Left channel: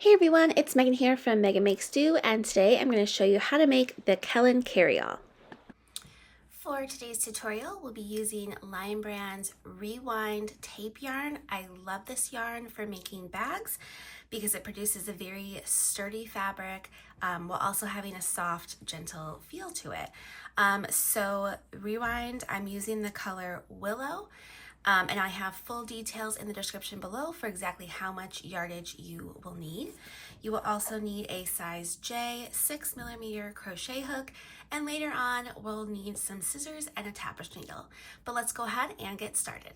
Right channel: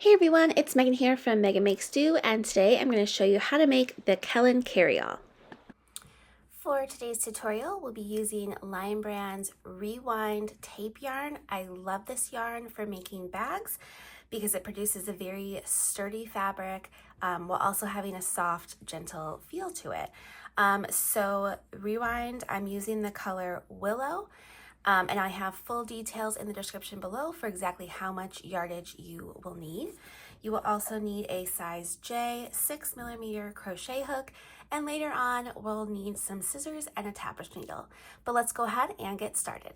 Hey everyone, it's Megan here from Meghan Makes Do, and today I'm going to show you how to make the Kelan Carryall. For today's tutorial, we'll be using Lion Brand's Rewind tape yarn. I love this yarn for making bags because it produces a very sturdy fabric while also having a soft, gentle feel to it. So Rewind, I'm using the color Willow. And I have full details in the description below for exactly how much yardage you will need. You will also need a size J 6mm crochet hook, and later on we'll need some scissors and a tapestry needle. But let's go ahead and get started.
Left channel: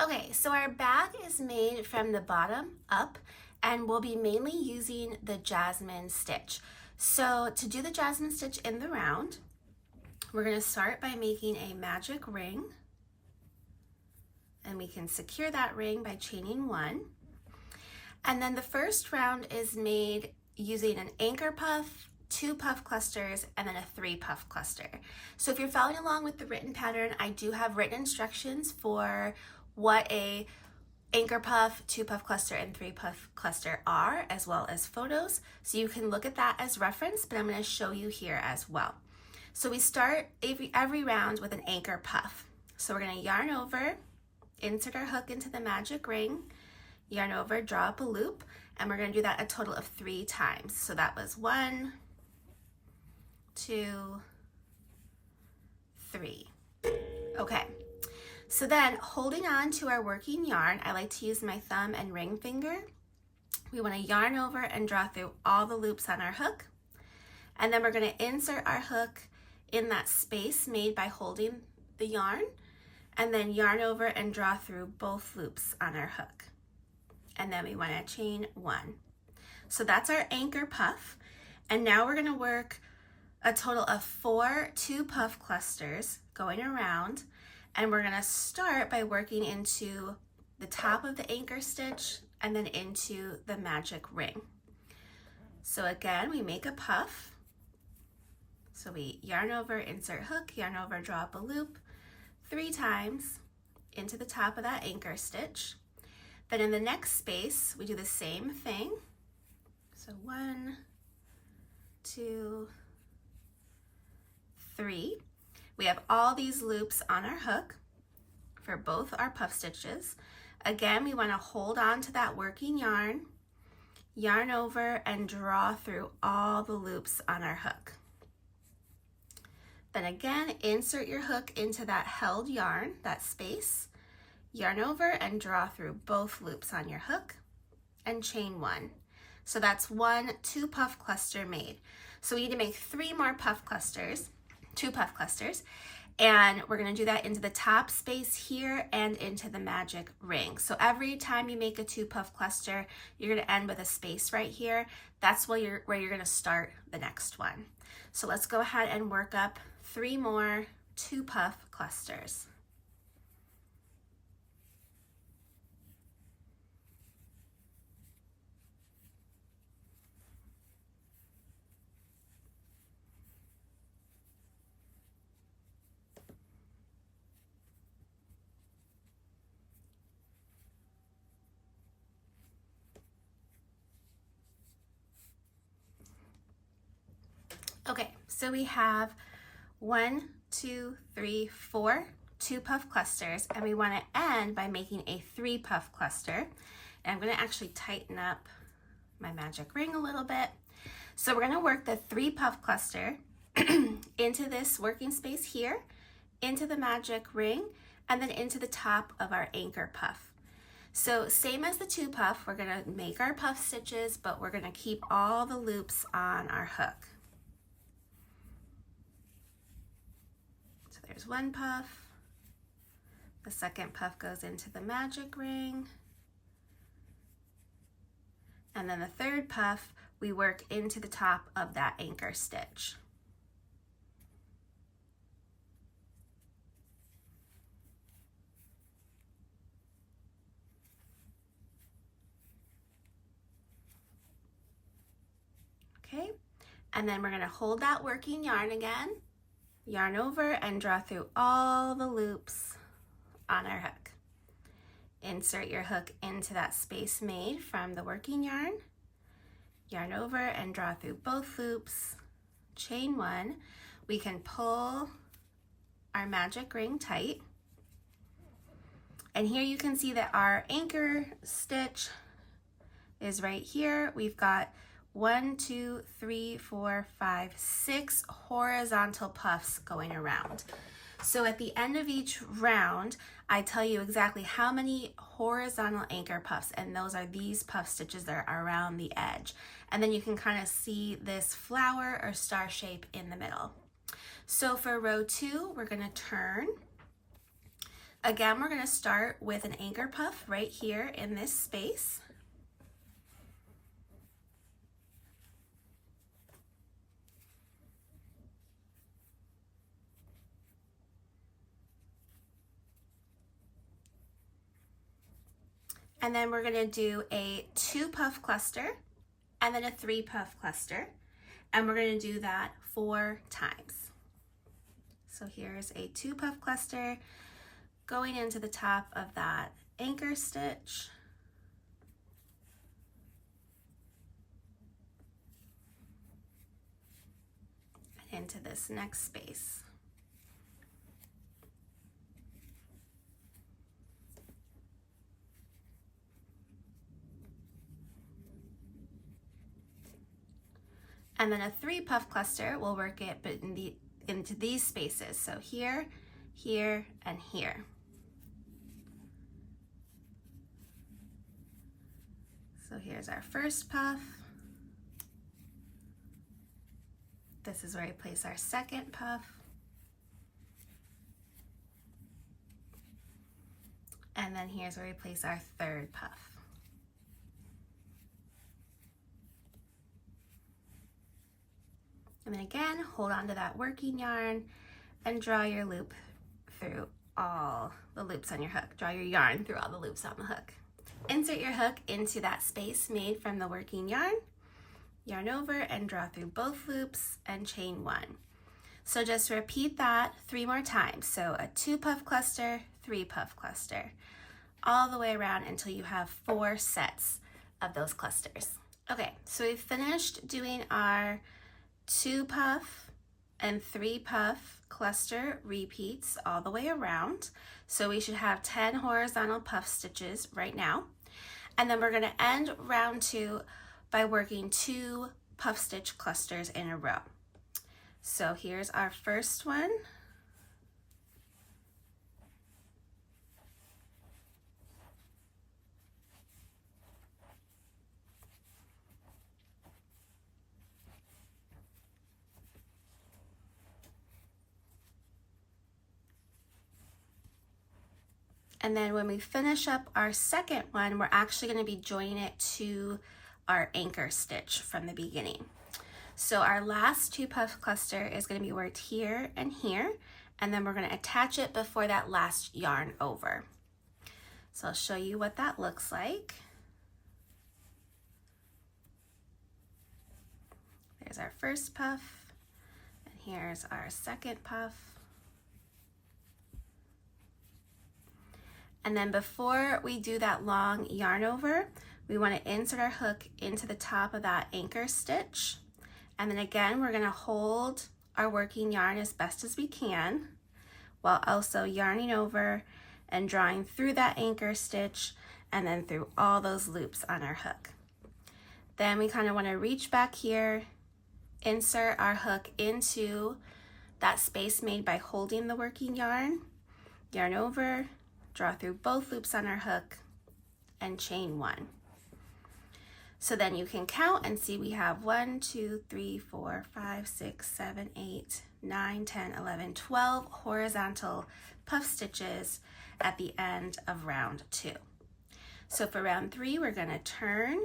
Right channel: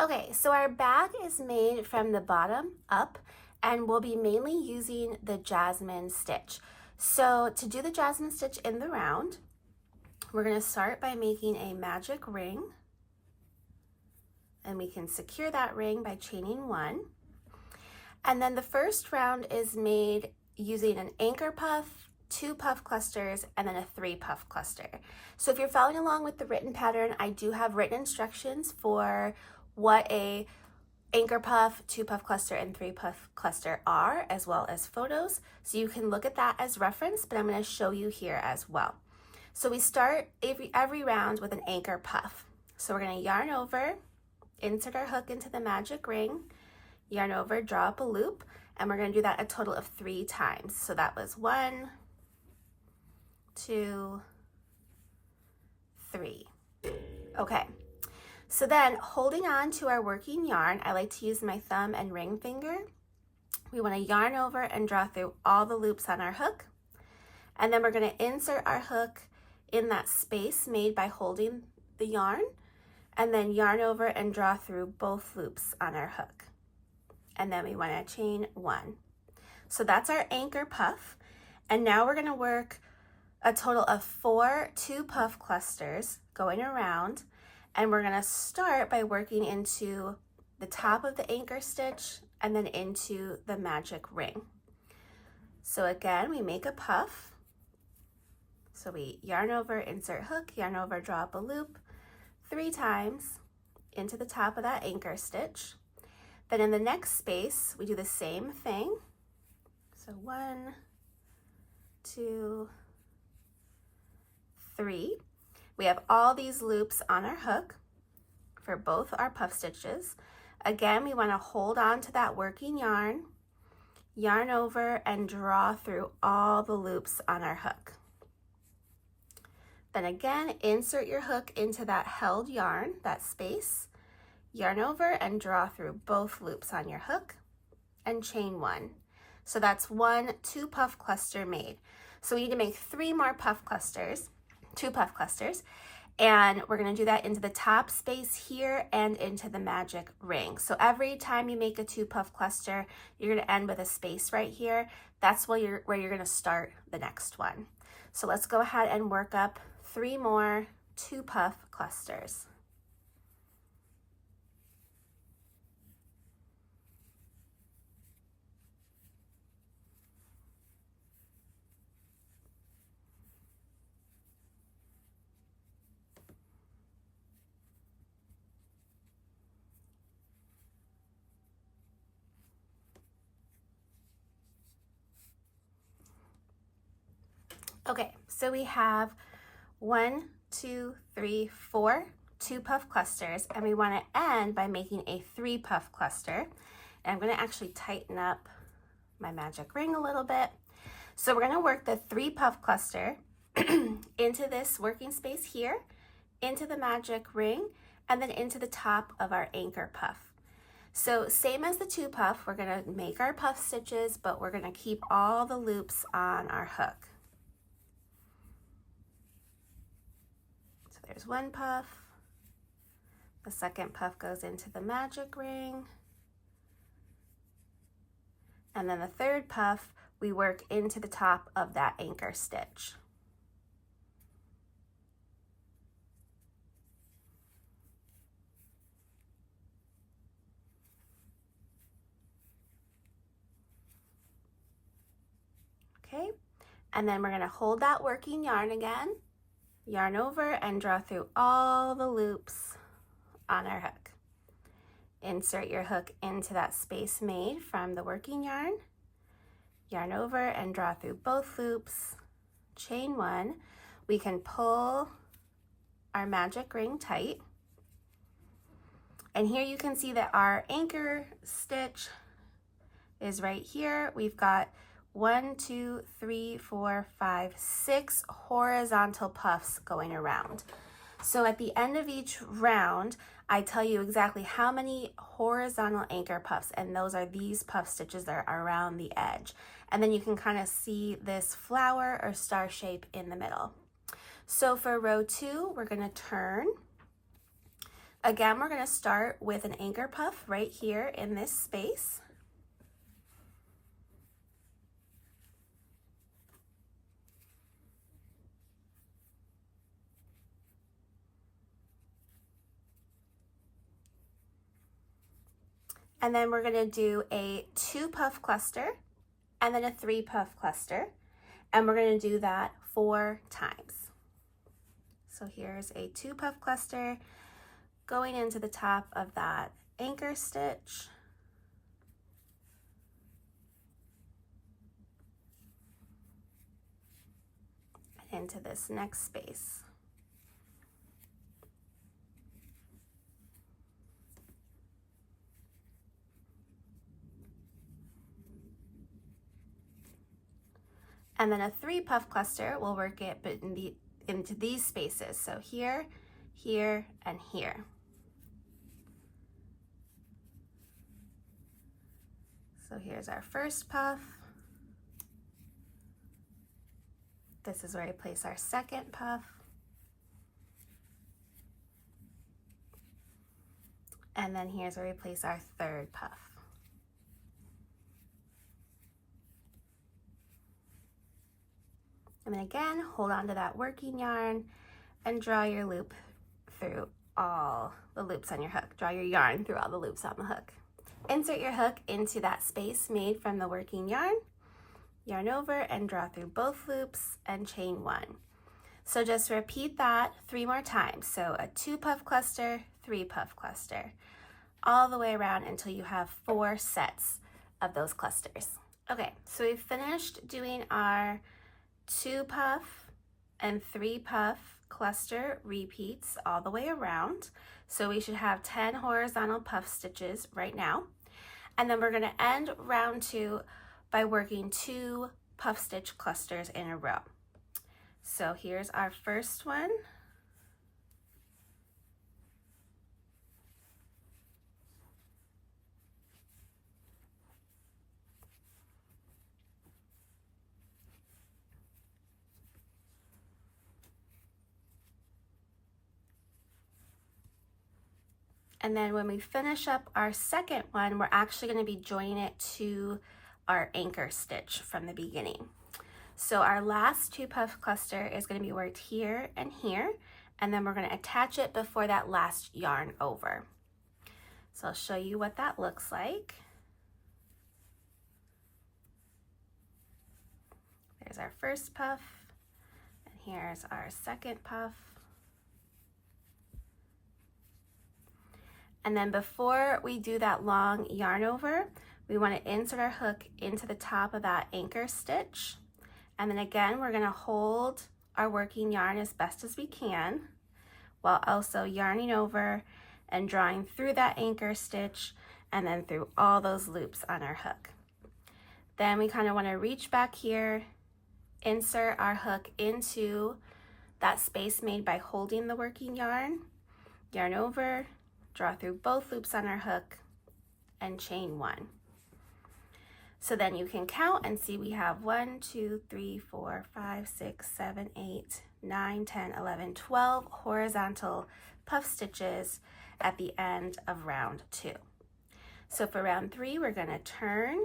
Okay, so our bag is made from the bottom up, and we'll be mainly using the Jasmine Stitch. So to do the Jasmine Stitch in the round, we're going to start by making a magic ring. And we can secure that ring by chaining one. And then the first round is made using an anchor puff, 2 puff clusters, and then a 3 puff cluster. So if you're following along with the written pattern, I do have written instructions for what a anchor puff, 2 puff cluster, and 3 puff cluster are, as well as photos. So you can look at that as reference, but I'm going to show you here as well. So we start every round with an anchor puff. So we're going to yarn over, insert our hook into the magic ring, yarn over, draw up a loop, and we're going to do that a total of 3 times. So that was 1, 2, 3. Okay, so then holding on to our working yarn, I like to use my thumb and ring finger. We want to yarn over and draw through all the loops on our hook, and then we're going to insert our hook in that space made by holding the yarn, and then yarn over and draw through both loops on our hook. And then we want to chain 1. So that's our anchor puff. And now we're going to work a total of 4 2 puff clusters going around. And we're going to start by working into the top of the anchor stitch and then into the magic ring. So again, we make a puff. So we yarn over, insert hook, yarn over, draw up a loop 3 times into the top of that anchor stitch. Then in the next space, we do the same thing. So 1, 2, 3. We have all these loops on our hook for both our puff stitches. Again, we want to hold on to that working yarn, yarn over, and draw through all the loops on our hook. Then again, insert your hook into that held yarn, that space, yarn over and draw through both loops on your hook and chain 1. So that's 1 2 puff cluster made. So we need to make 3 more puff clusters, 2 puff clusters, and we're going to do that into the top space here and into the magic ring. So every time you make a 2 puff cluster, you're going to end with a space right here. That's where you're going to start the next one. So let's go ahead and work up 3 more 2 puff clusters. Okay, so we have 1, 2, 3, 4 2 puff clusters, and we want to end by making a 3 puff cluster. And I'm going to actually tighten up my magic ring a little bit. So we're going to work the 3 puff cluster into this working space here, into the magic ring, and then into the top of our anchor puff. So same as the 2 puff, we're going to make our puff stitches, but we're going to keep all the loops on our hook. There's 1 puff, the second puff goes into the magic ring, and then the 3rd puff, we work into the top of that anchor stitch. Okay, and then we're going to hold that working yarn again, yarn over and draw through all the loops on our hook. Insert your hook into that space made from the working yarn, yarn over and draw through both loops, chain 1. We can pull our magic ring tight. And here you can see that our anchor stitch is right here. We've got 1, 2, 3, 4, 5, 6 horizontal puffs going around. So at the end of each round, I tell you exactly how many horizontal anchor puffs, and those are these puff stitches that are around the edge. And then you can kind of see this flower or star shape in the middle. So for row 2, we're going to turn. Again, we're going to start with an anchor puff right here in this space. And then we're going to do a 2 puff cluster and then a 3 puff cluster. And we're going to do that 4 times. So here's a 2 puff cluster going into the top of that anchor stitch. And into this next space. And then a 3 puff cluster will work it but into these spaces. So here, here, and here. So here's our first puff. This is where we place our second puff. And then here's where we place our third puff. And then again, hold on to that working yarn and draw your loop through all the loops on your hook. Draw your yarn through all the loops on the hook. Insert your hook into that space made from the working yarn. Yarn over and draw through both loops and chain 1. So just repeat that 3 more times. So a 2 puff cluster, 3 puff cluster, all the way around until you have 4 sets of those clusters. Okay, so we've finished doing our 2 puff and 3 puff cluster repeats all the way around. So we should have 10 horizontal puff stitches right now. And then we're going to end round 2 by working 2 puff stitch clusters in a row. So here's our first one. And then when we finish up our second one, we're actually going to be joining it to our anchor stitch from the beginning. So our last 2 puff cluster is going to be worked here and here, and then we're going to attach it before that last yarn over. So I'll show you what that looks like. There's our first puff, and here's our second puff. And then before we do that long yarn over, we want to insert our hook into the top of that anchor stitch. And then again, we're going to hold our working yarn as best as we can while also yarning over and drawing through that anchor stitch and then through all those loops on our hook. Then we kind of want to reach back here, insert our hook into that space made by holding the working yarn, yarn over, draw through both loops on our hook, and chain 1. So then you can count and see we have 1, 2, 3, 4, 5, 6, 7, 8, 9, 10, 11, 12 horizontal puff stitches at the end of round 2. So for round 3, we're going to turn,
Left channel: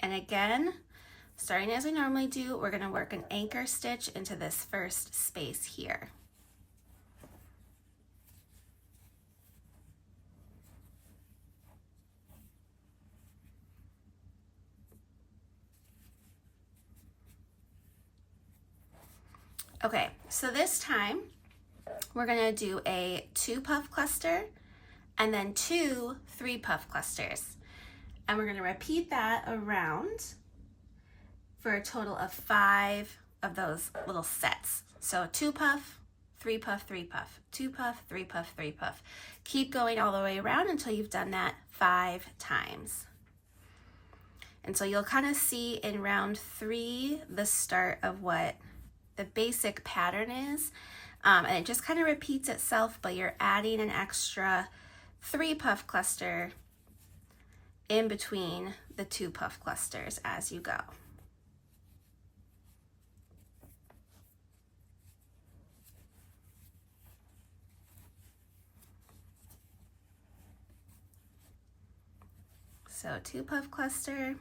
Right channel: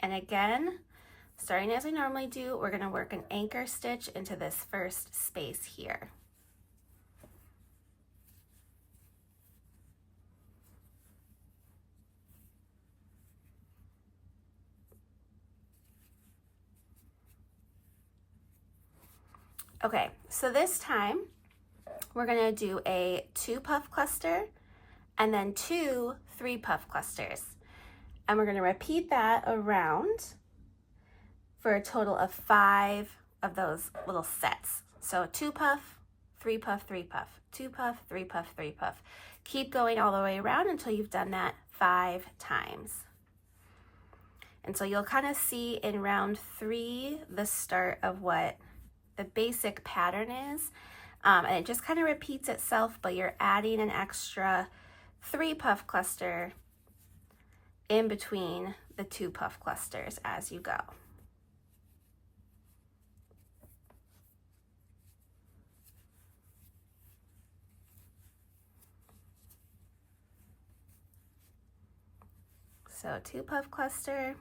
and again, starting as we normally do, we're going to work an anchor stitch into this first space here. Okay, so this time we're going to do a 2 puff cluster and then 2 3 puff clusters. And we're going to repeat that around. for a total of 5 of those little sets. So 2 puff, 3 puff, 3 puff, 2 puff, 3 puff, 3 puff. Keep going all the way around until you've done that 5 times. And so you'll kind of see in round 3 the start of what the basic pattern is. And it just kind of repeats itself, but you're adding an extra 3 puff cluster in between the 2 puff clusters as you go. So 2 puff cluster,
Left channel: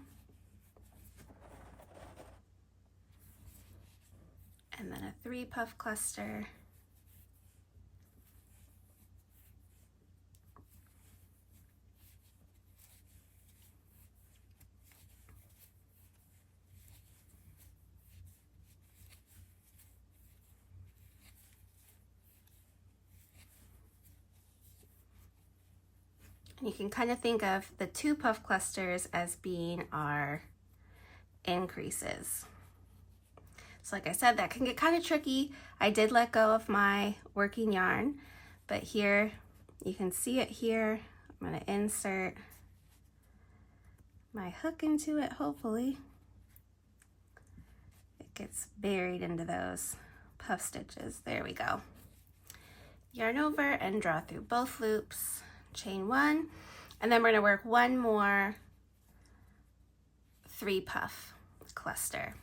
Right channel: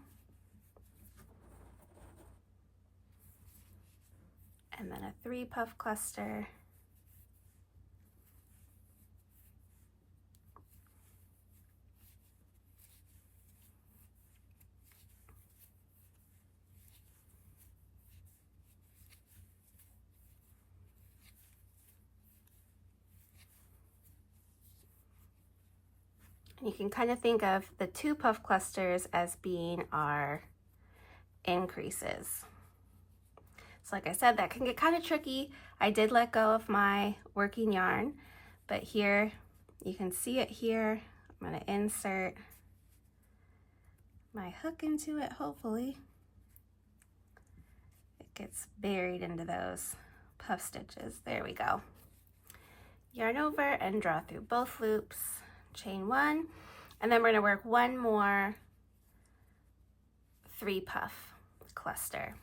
and then a 3 puff cluster, and you can kind of think of the 2 puff clusters as being our increases. So like I said, that can get kind of tricky. I did let go of my working yarn, but here you can see it here. I'm going to insert my hook into it, hopefully. It gets buried into those puff stitches. There we go. Yarn over and draw through both loops, chain 1, and then we're going to work 1 more 3 puff cluster.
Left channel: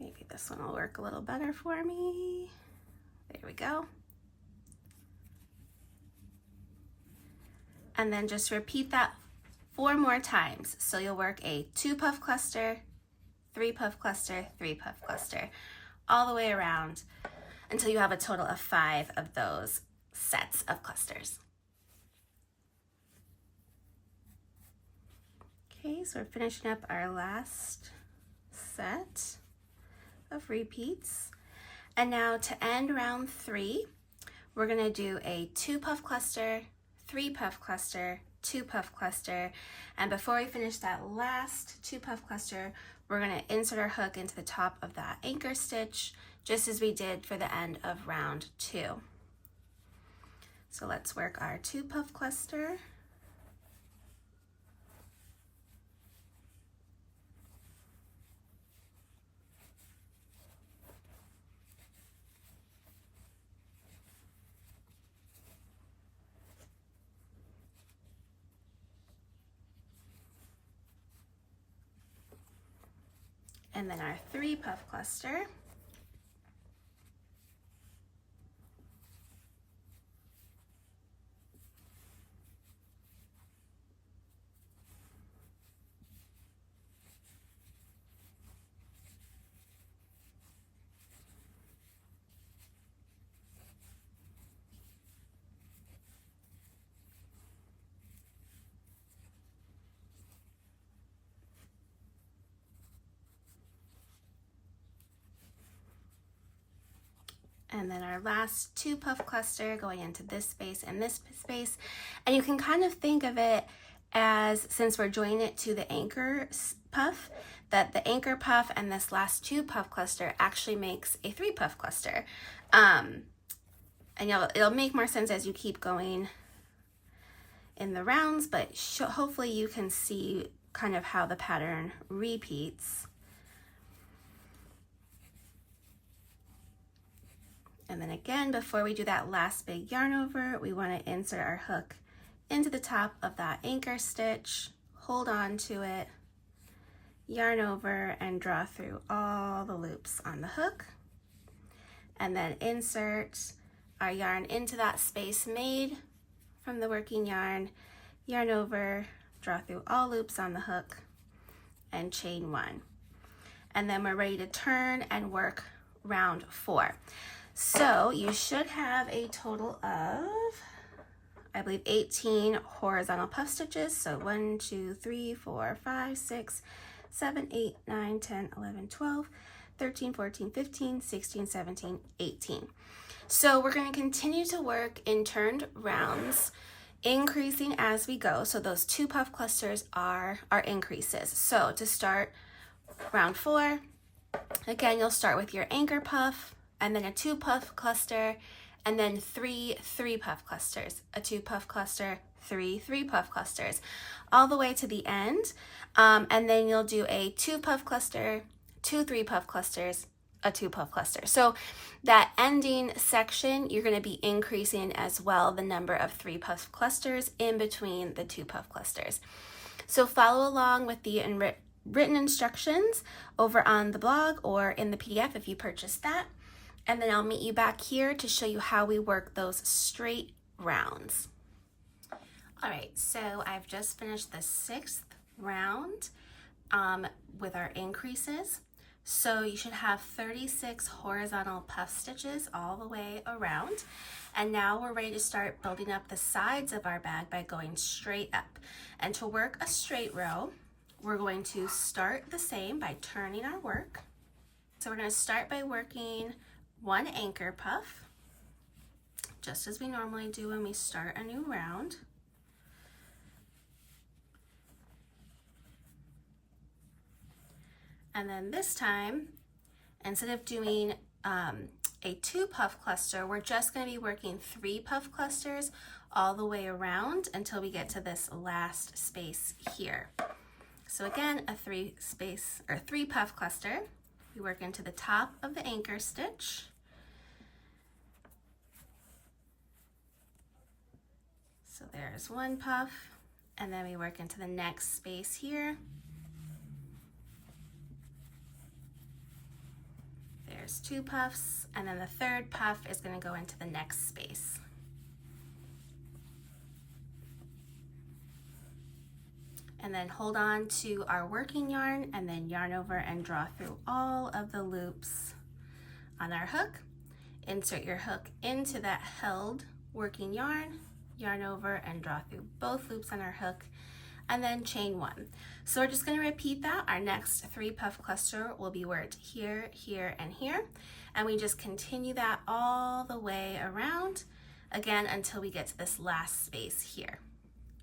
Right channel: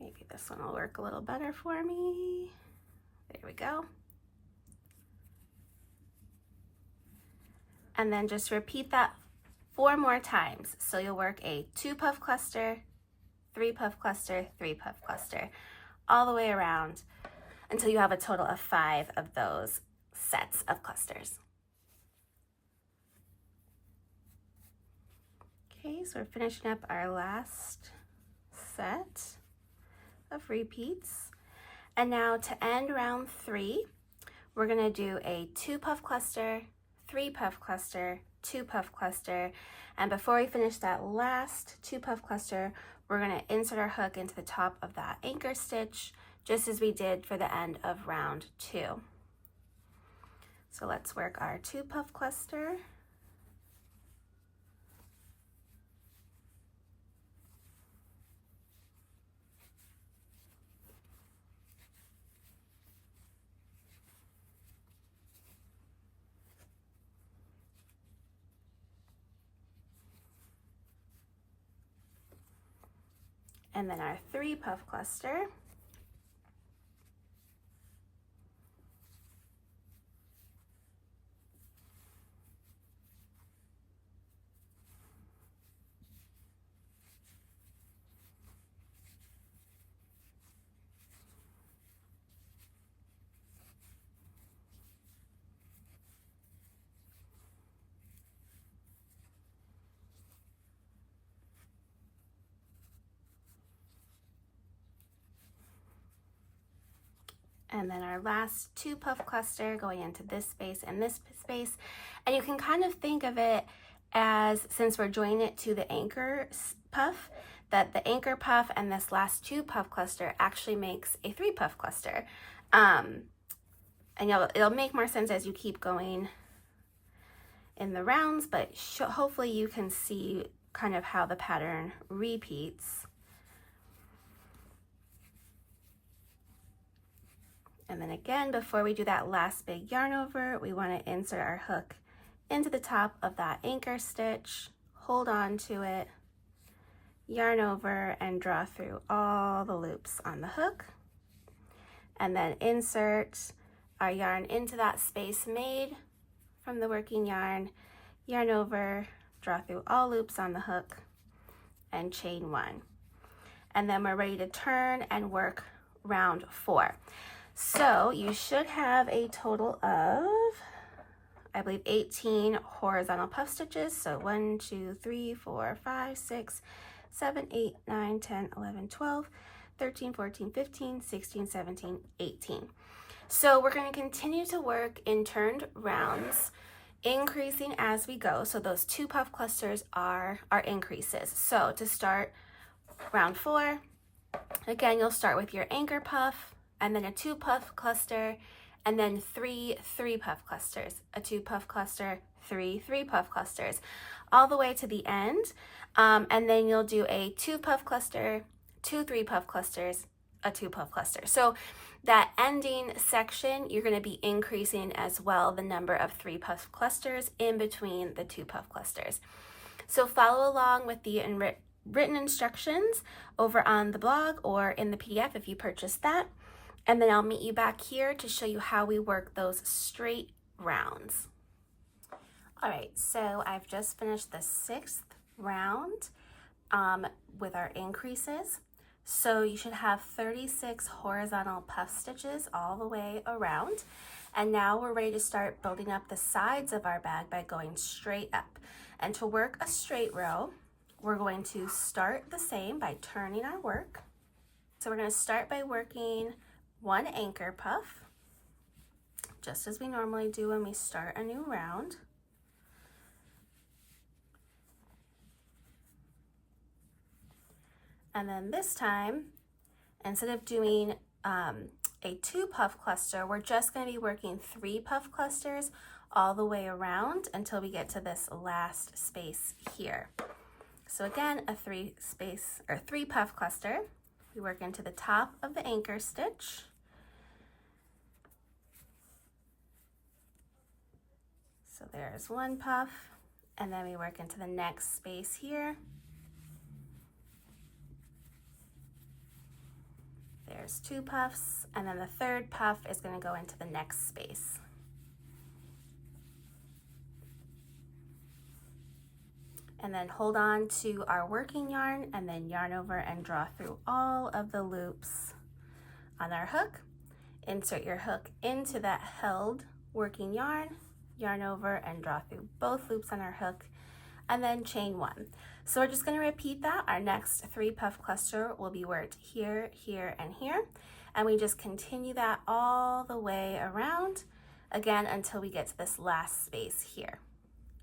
Maybe this one will work a little better for me. There we go. And then just repeat that 4 more times. So you'll work a 2 puff cluster, 3 puff cluster, 3 puff cluster, all the way around until you have a total of 5 of those sets of clusters. Okay, so we're finishing up our last set of repeats. And now to end round 3, we're going to do a 2 puff cluster, 3 puff cluster, 2 puff cluster, and before we finish that last 2 puff cluster, we're going to insert our hook into the top of that anchor stitch, just as we did for the end of round 2. So let's work our 2 puff cluster. And then our 3 puff cluster. And then our last 2 puff cluster going into this space and this space. And you can kind of think of it as, since we're joining it to the anchor puff, that the anchor puff and this last 2 puff cluster actually makes a 3 puff cluster. And it'll make more sense as you keep going in the rounds, but hopefully you can see kind of how the pattern repeats. And then again, before we do that last big yarn over, we want to insert our hook into the top of that anchor stitch, hold on to it, yarn over, and draw through all the loops on the hook. And then insert our yarn into that space made from the working yarn, yarn over, draw through all loops on the hook, and chain 1. And then we're ready to turn and work round 4. So you should have a total of, I believe, 18 horizontal puff stitches. So 1, 2, 3, 4, 5, 6, 7, 8, 9, 10, 11, 12, 13, 14, 15, 16, 17, 18. So we're going to continue to work in turned rounds, increasing as we go. So those 2 puff clusters are our increases. So to start round 4, again, you'll start with your anchor puff and then a 2 puff cluster, and then 3 3-puff clusters, a 2 puff cluster, 3 3-puff clusters, all the way to the end. And then you'll do a 2 puff cluster, 2 3-puff clusters, a 2 puff cluster. So that ending section, you're going to be increasing as well the number of 3 puff clusters in between the 2 puff clusters. So follow along with the written instructions over on the blog or in the PDF if you purchased that. And then I'll meet you back here to show you how we work those straight rounds. All right, so I've just finished the 6th round with our increases. So you should have 36 horizontal puff stitches all the way around. And now we're ready to start building up the sides of our bag by going straight up. And to work a straight row, we're going to start the same by turning our work. So we're going to start by working 1 anchor puff, just as we normally do when we start a new round. And then this time, instead of doing a 2 puff cluster, we're just going to be working 3 puff clusters all the way around until we get to this last space here. So again, a 3 puff cluster. We work into the top of the anchor stitch. So there's 1 puff, and then we work into the next space here. There's 2 puffs, and then the 3rd puff is going to go into the next space. And then hold on to our working yarn and then yarn over and draw through all of the loops on our hook. Insert your hook into that held working yarn, yarn over and draw through both loops on our hook, and then chain 1. So we're just going to repeat that. Our next 3 puff cluster will be worked here, here, and here. And we just continue that all the way around, again, until we get to this last space here.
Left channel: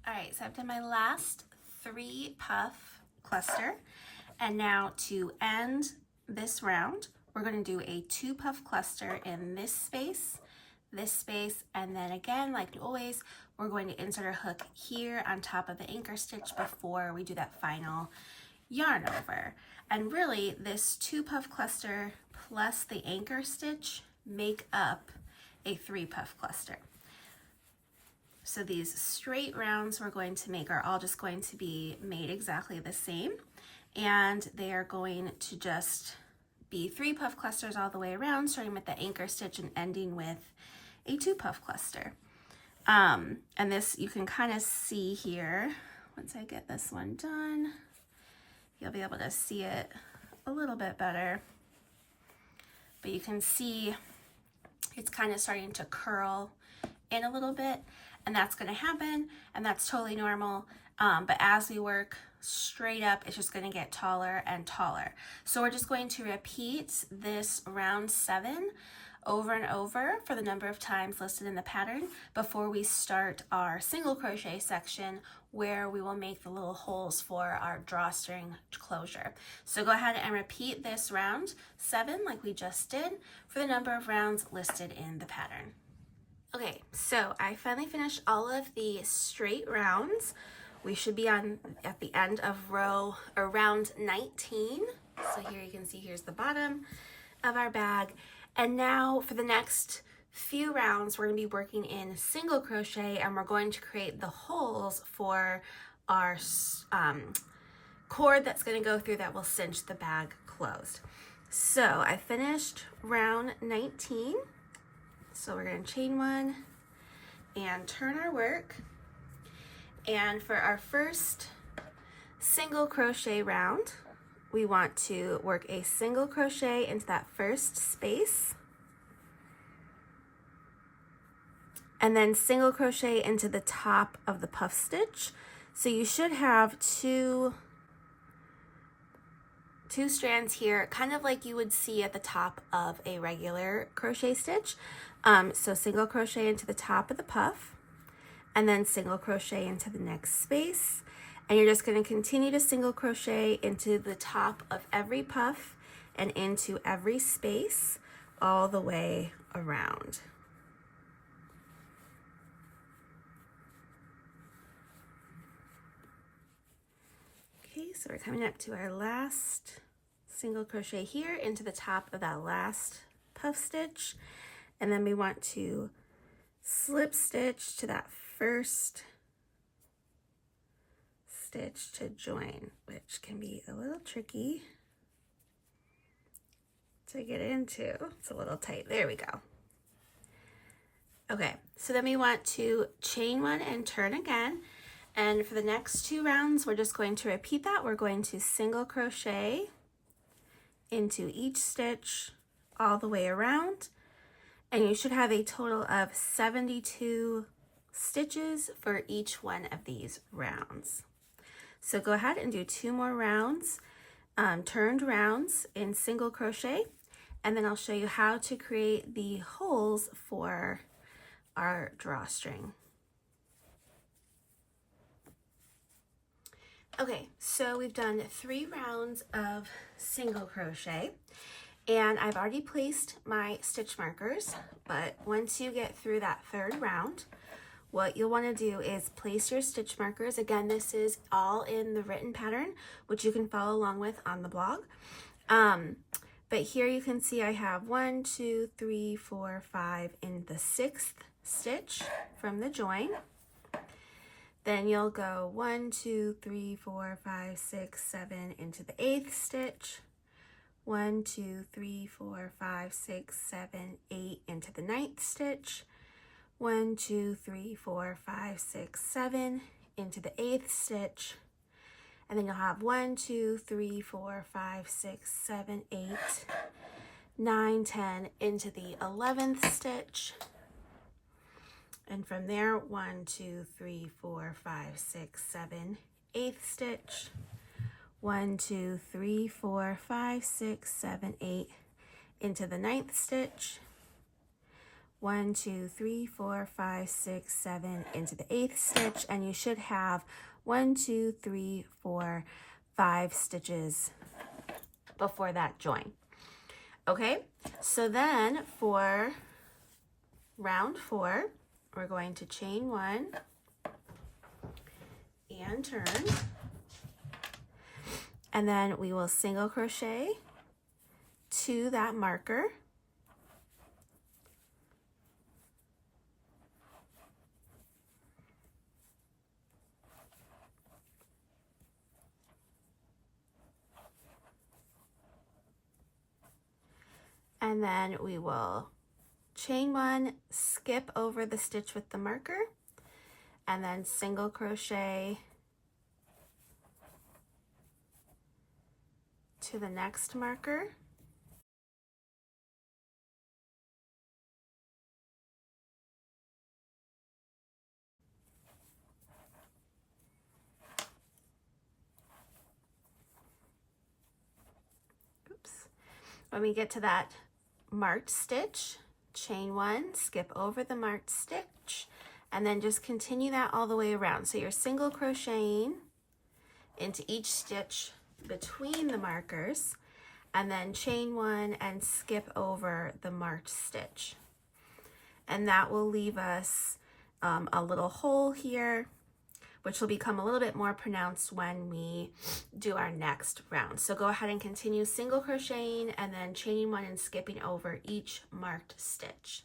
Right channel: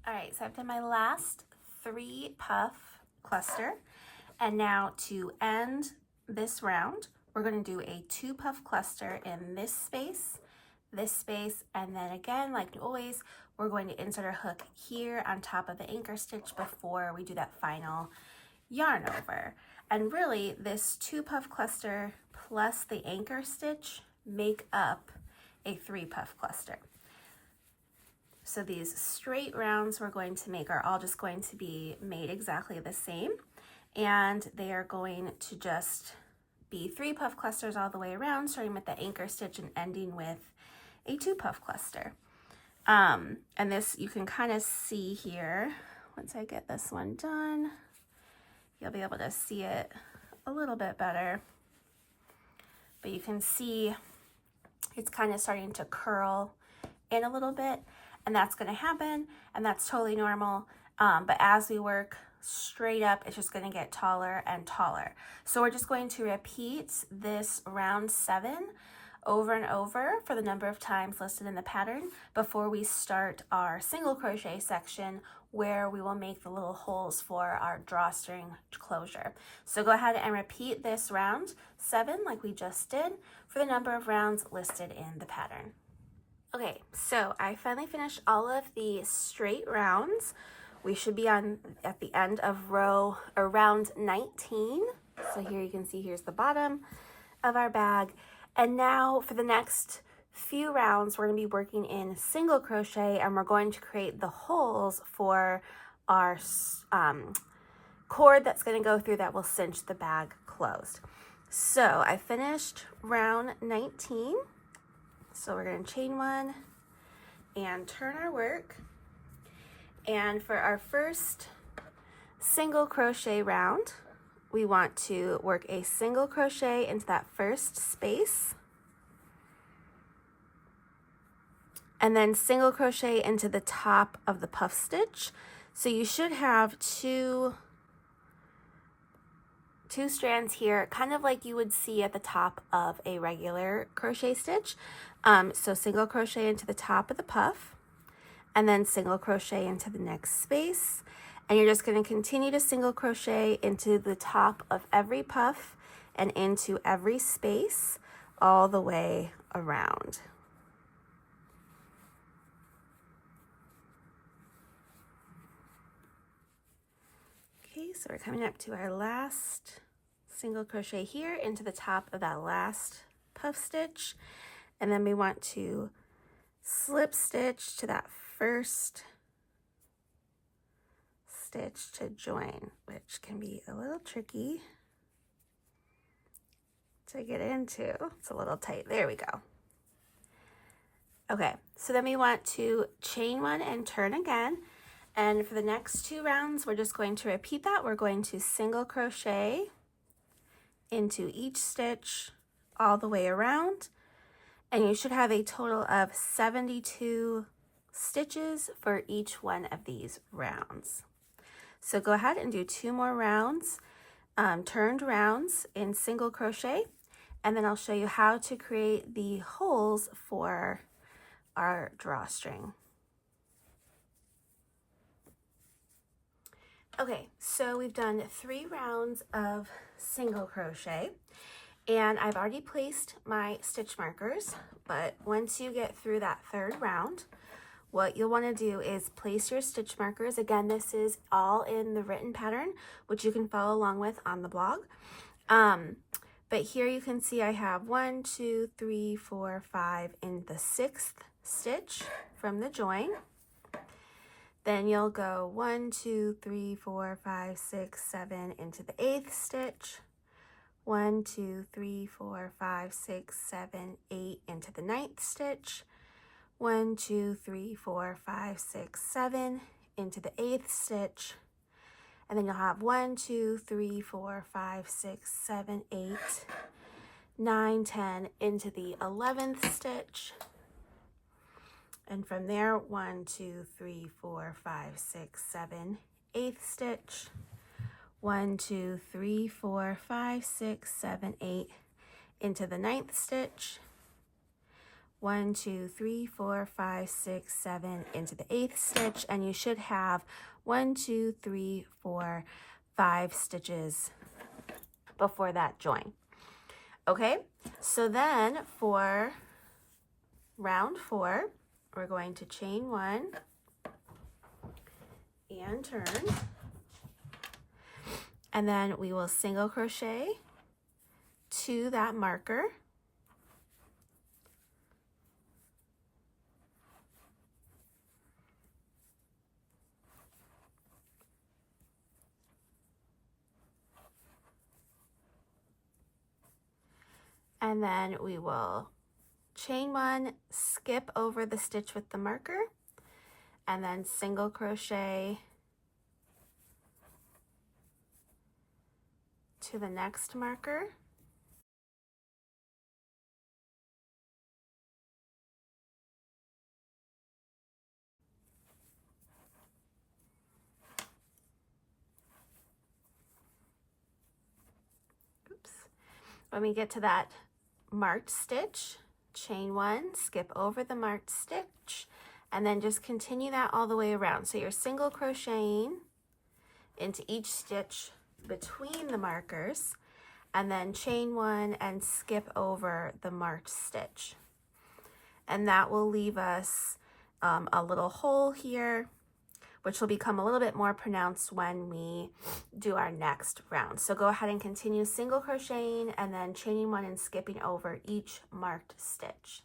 All right, so I've done my last 3 puff cluster. And now to end this round, we're going to do a 2 puff cluster in this space, and then again, like always, we're going to insert our hook here on top of the anchor stitch before we do that final yarn over. And really, this 2 puff cluster plus the anchor stitch make up a 3 puff cluster. So these straight rounds we're going to make are all just going to be made exactly the same, and they are going to just be 3 puff clusters all the way around, starting with the anchor stitch and ending with a 2 puff cluster. And this you can kind of see here. Once I get this one done, you'll be able to see it a little bit better. But you can see it's kind of starting to curl in a little bit, and that's going to happen, and that's totally normal. But as we work straight up, it's just going to get taller and taller. So we're just going to repeat this round 7 over and over for the number of times listed in the pattern before we start our single crochet section, where we will make the little holes for our drawstring closure. So go ahead and repeat this round 7 like we just did for the number of rounds listed in the pattern. Okay, so I finally finished all of the straight rounds. We should be at the end of round 19. So here you can see, here's the bottom of our bag. And now for the next few rounds, we're going to be working in single crochet, and we're going to create the holes for our cord that's going to go through that will cinch the bag closed. So I finished round 19. So we're going to chain 1 and turn our work. And for our first single crochet round, we want to work a single crochet into that first space. and then single crochet into the top of the puff stitch. So you should have two strands here, kind of like you would see at the top of a regular crochet stitch. So single crochet into the top of the puff, and then single crochet into the next space. And you're just going to continue to single crochet into the top of every puff and into every space all the way around. Okay, so we're coming up to our last single crochet here into the top of that last puff stitch, and then we want to slip stitch to that first stitch to join, which can be a little tricky to get into. It's a little tight. There we go. Okay, so then we want to chain one and turn again. And for the next 2 rounds, we're just going to repeat that. We're going to single crochet into each stitch all the way around. And you should have a total of 72 stitches for each one of these rounds. So go ahead and do 2 more rounds, turned rounds in single crochet, and then I'll show you how to create the holes for our drawstring. Okay, so we've done 3 rounds of single crochet, and I've already placed my stitch markers, but once you get through that 3rd round, what you'll want to do is place your stitch markers. Again, this is all in the written pattern, which you can follow along with on the blog. But here you can see I have 1, 2, 3, 4, 5 in the 6th stitch from the join. Then you'll go 1, 2, 3, 4, 5, 6, 7 into the 8th stitch. 1, 2, 3, 4, 5, 6, 7, 8 into the 9th stitch. 1, 2, 3, 4, 5, 6, 7 into the 8th stitch. And then you'll have 1, 2, 3, 4, 5, 6, 7, 8, 9, 10 into the 11th stitch. And from there, 1, 2, 3, 4, 5, 6, 7, 8th stitch. 1, 2, 3, 4, 5, 6, 7, 8 into the 9th stitch. 1, 2, 3, 4, 5, 6, 7 into the 8th stitch, and you should have 1, 2, 3, 4, 5 stitches before that join. Okay, so then for round 4, we're going to chain 1 and turn, and then we will single crochet to that marker. And then we will chain 1, skip over the stitch with the marker, and then single crochet to the next marker. Oops. When we get to that marked stitch, chain 1, skip over the marked stitch, and then just continue that all the way around. So you're single crocheting into each stitch between the markers, and then chain 1 and skip over the marked stitch. And that will leave us a little hole here, which will become a little bit more pronounced when we do our next round. So go ahead and continue single crocheting and then chaining 1 and skipping over each marked stitch.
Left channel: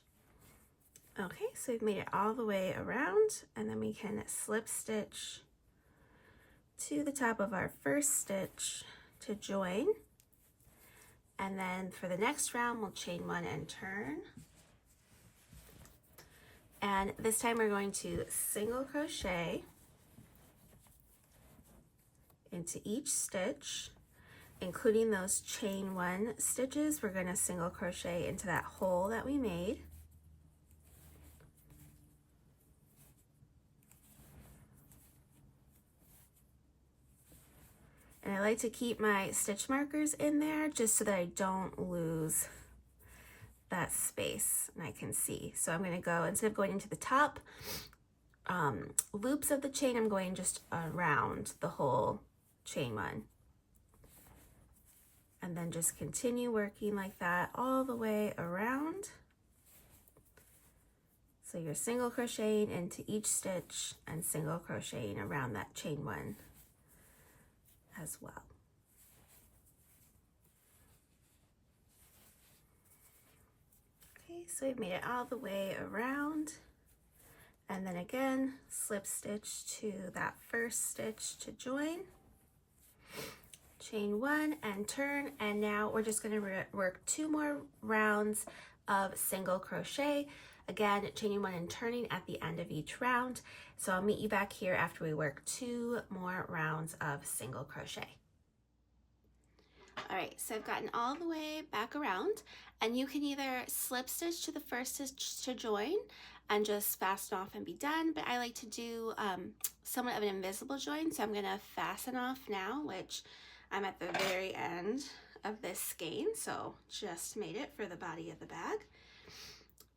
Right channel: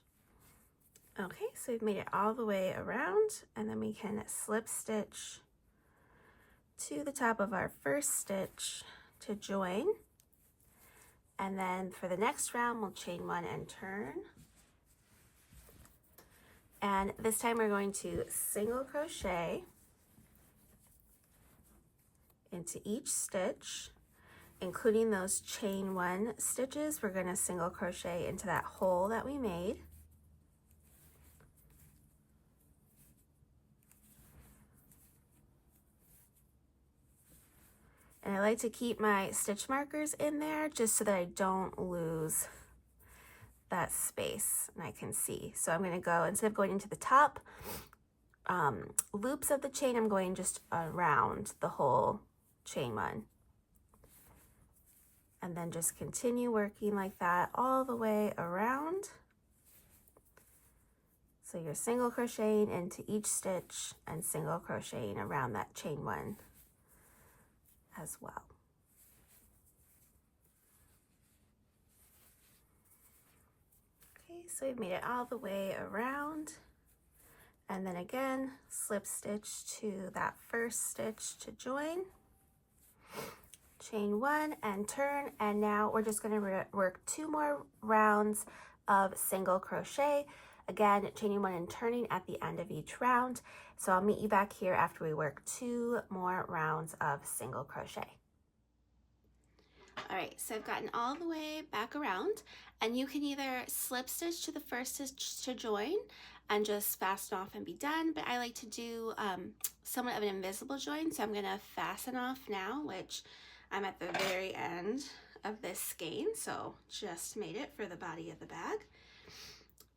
Okay, so we've made it all the way around, and then we can slip stitch to the top of our first stitch to join. And then for the next round, we'll chain 1 and turn. And this time we're going to single crochet into each stitch, including those chain 1 stitches. We're going to single crochet into that hole that we made. I like to keep my stitch markers in there just so that I don't lose that space and I can see. So I'm going to go, instead of going into the top loops of the chain, I'm going just around the whole chain one. And then just continue working like that all the way around. So you're single crocheting into each stitch and single crocheting around that chain one as well. Okay, so we've made it all the way around. And then again, slip stitch to that first stitch to join. Chain one and turn, and now we're just going to work 2 more rounds of single crochet. Again, chaining one and turning at the end of each round. So I'll meet you back here after we work 2 more rounds of single crochet. All right, so I've gotten all the way back around, and you can either slip stitch to the first stitch to join and just fasten off and be done, but I like to do somewhat of an invisible join, so I'm going to fasten off now, which I'm at the very end of this skein, so just made it for the body of the bag.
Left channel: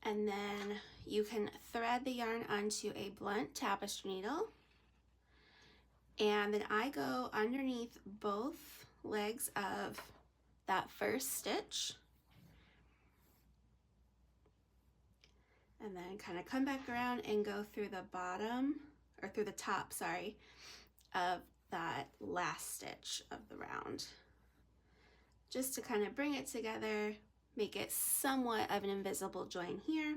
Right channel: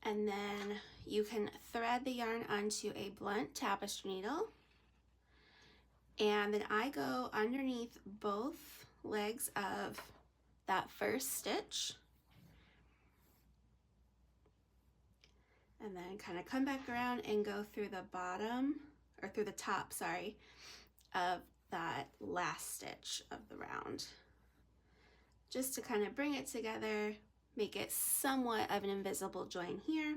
And then you can thread the yarn onto a blunt tapestry needle, and then I go underneath both legs of that first stitch, and then kind of come back around and go through the bottom, or through the top, sorry, of that last stitch of the round, just to kind of bring it together, make it somewhat of an invisible join here.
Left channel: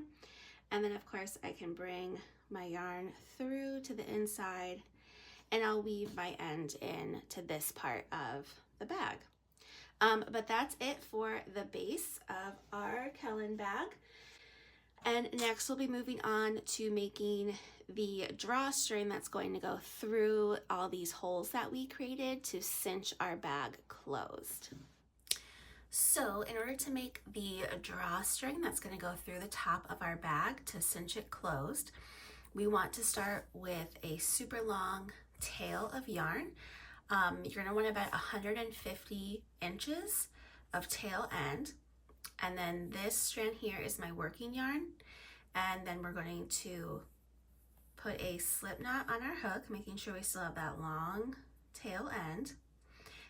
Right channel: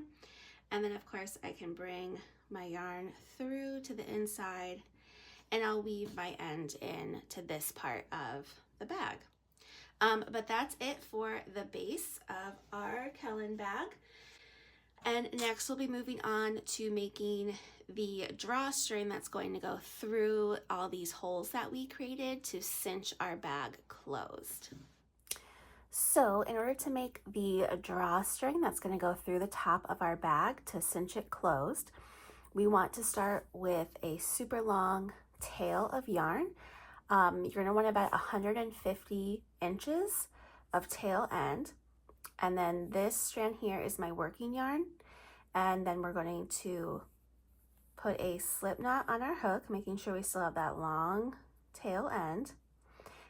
And then of course I can bring my yarn through to the inside, and I'll weave my end in to this part of the bag. But that's it for the base of our Kelan bag. And next we'll be moving on to making the drawstring that's going to go through all these holes that we created to cinch our bag closed. So in order to make the drawstring that's going to go through the top of our bag to cinch it closed, we want to start with a super long tail of yarn. You're going to want about 150 inches of tail end. And then this strand here is my working yarn. And then we're going to put a slip knot on our hook, making sure we still have that long tail end.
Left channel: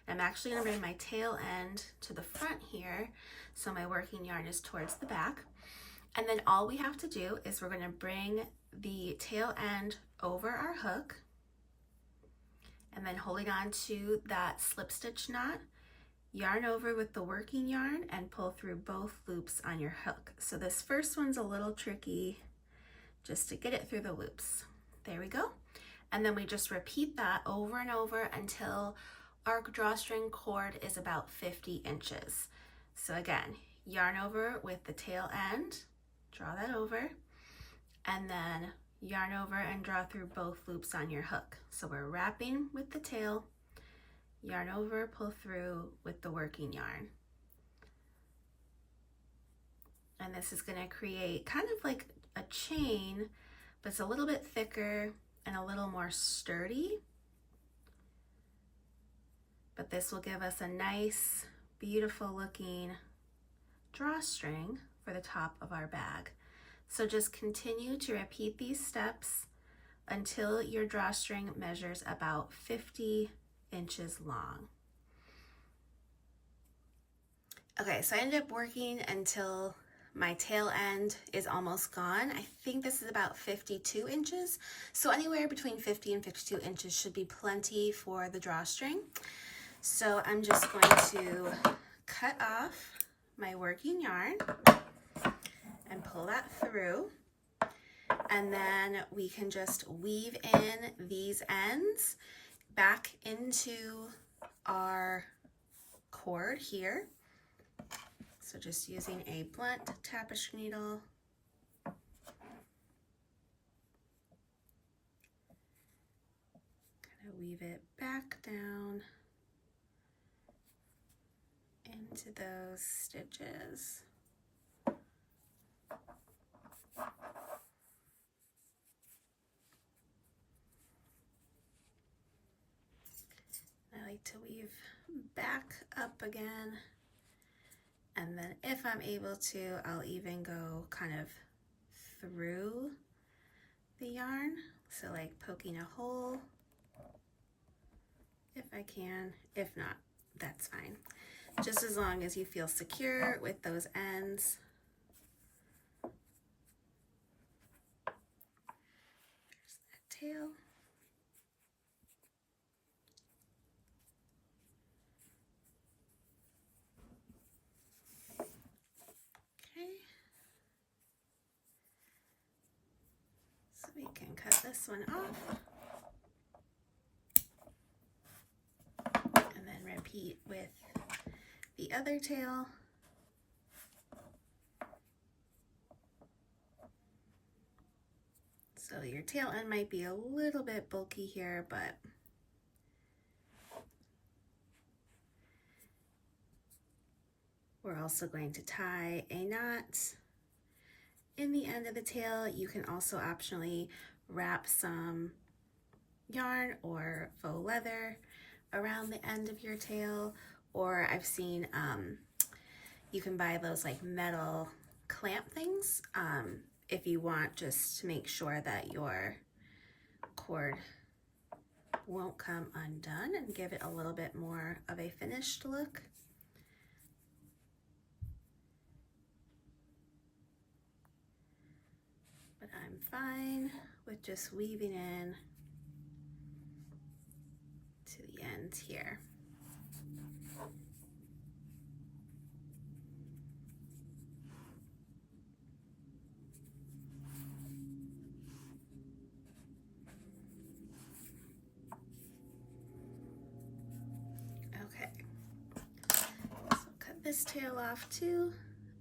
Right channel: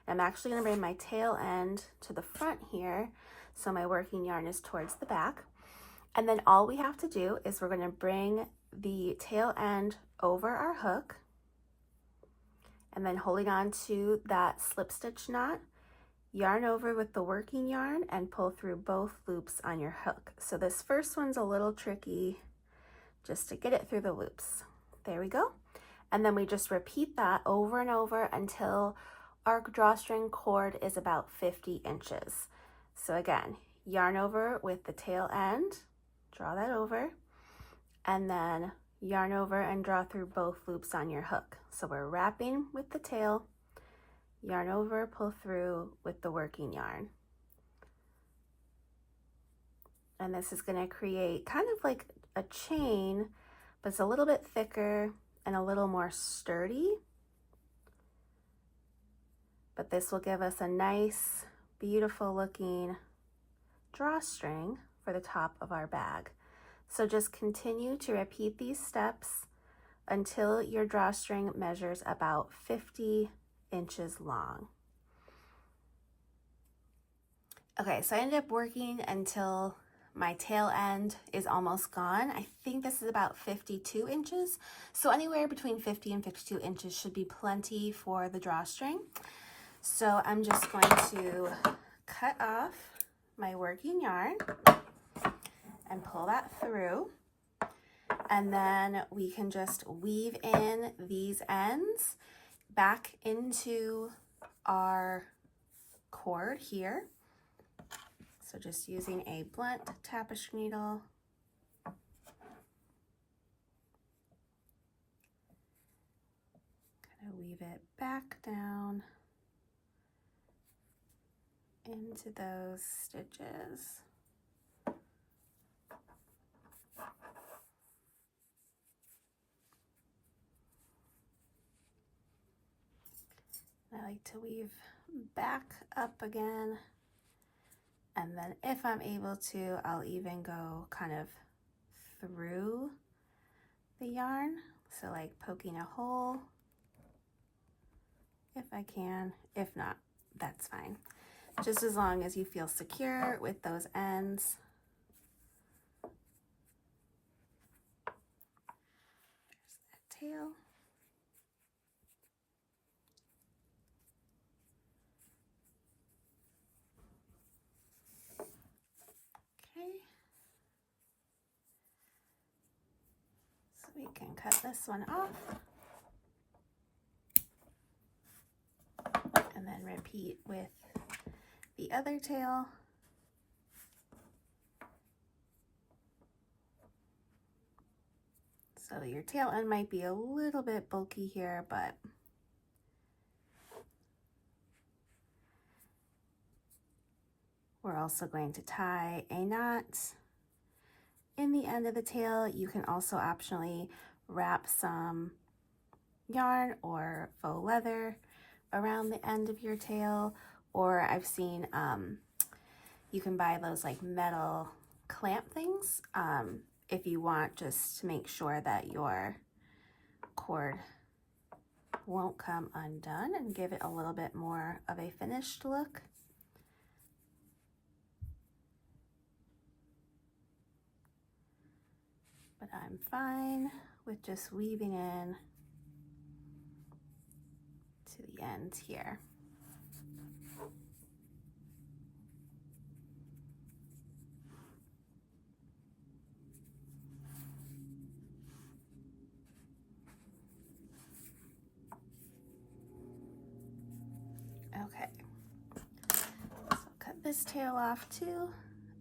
I'm actually going to bring my tail end to the front here, so my working yarn is towards the back. And then all we have to do is we're going to bring the tail end over our hook, and then holding on to that slip stitch knot, yarn over with the working yarn and pull through both loops on your hook. So this first one's a little tricky just to get it through the loops. There we go. And then we just repeat that over and over until our drawstring cord is about 50 inches. So again, yarn over with the tail end, draw that over, and then yarn over and draw through both loops on your hook. So we're wrapping with the tail, yarn over, pull through with the working yarn. And this is going to create kind of like a chain, but it's a little bit thicker and a little more sturdy. But this will give us a nice, beautiful looking drawstring for the top of our bag. So just continue to repeat these steps until your drawstring measures about 50 inches long. Okay, so I ended up working until my tail end is almost gone. I think this is about 52 inches. So anywhere between 50 and 52 inches should be plenty for the drawstring. So I'm just going to cut off my working yarn and pull that through. And then we can just weave in these ends back into our cord here. So just using a blunt tapestry needle. Kind of weave it back down into those stitches. I like to weave back up again, and then if I'm able to, I'll even go kind of through the yarn, so like poking a hole if I can. If not, that's fine, just as long as you feel secure with those ends. There's that tail. Okay, so we can cut this one off and then repeat with the other tail. So your tail end might be a little bit bulky here, but we're also going to tie a knot in the end of the tail. You can also optionally wrap some yarn or faux leather around the end of your tail, or I've seen you can buy those like metal clamp things if you want, just to make sure that your cord won't come undone and give it a little bit more of a finished look. But I'm fine with just weaving in to the end here. Okay, so cut this tail off too,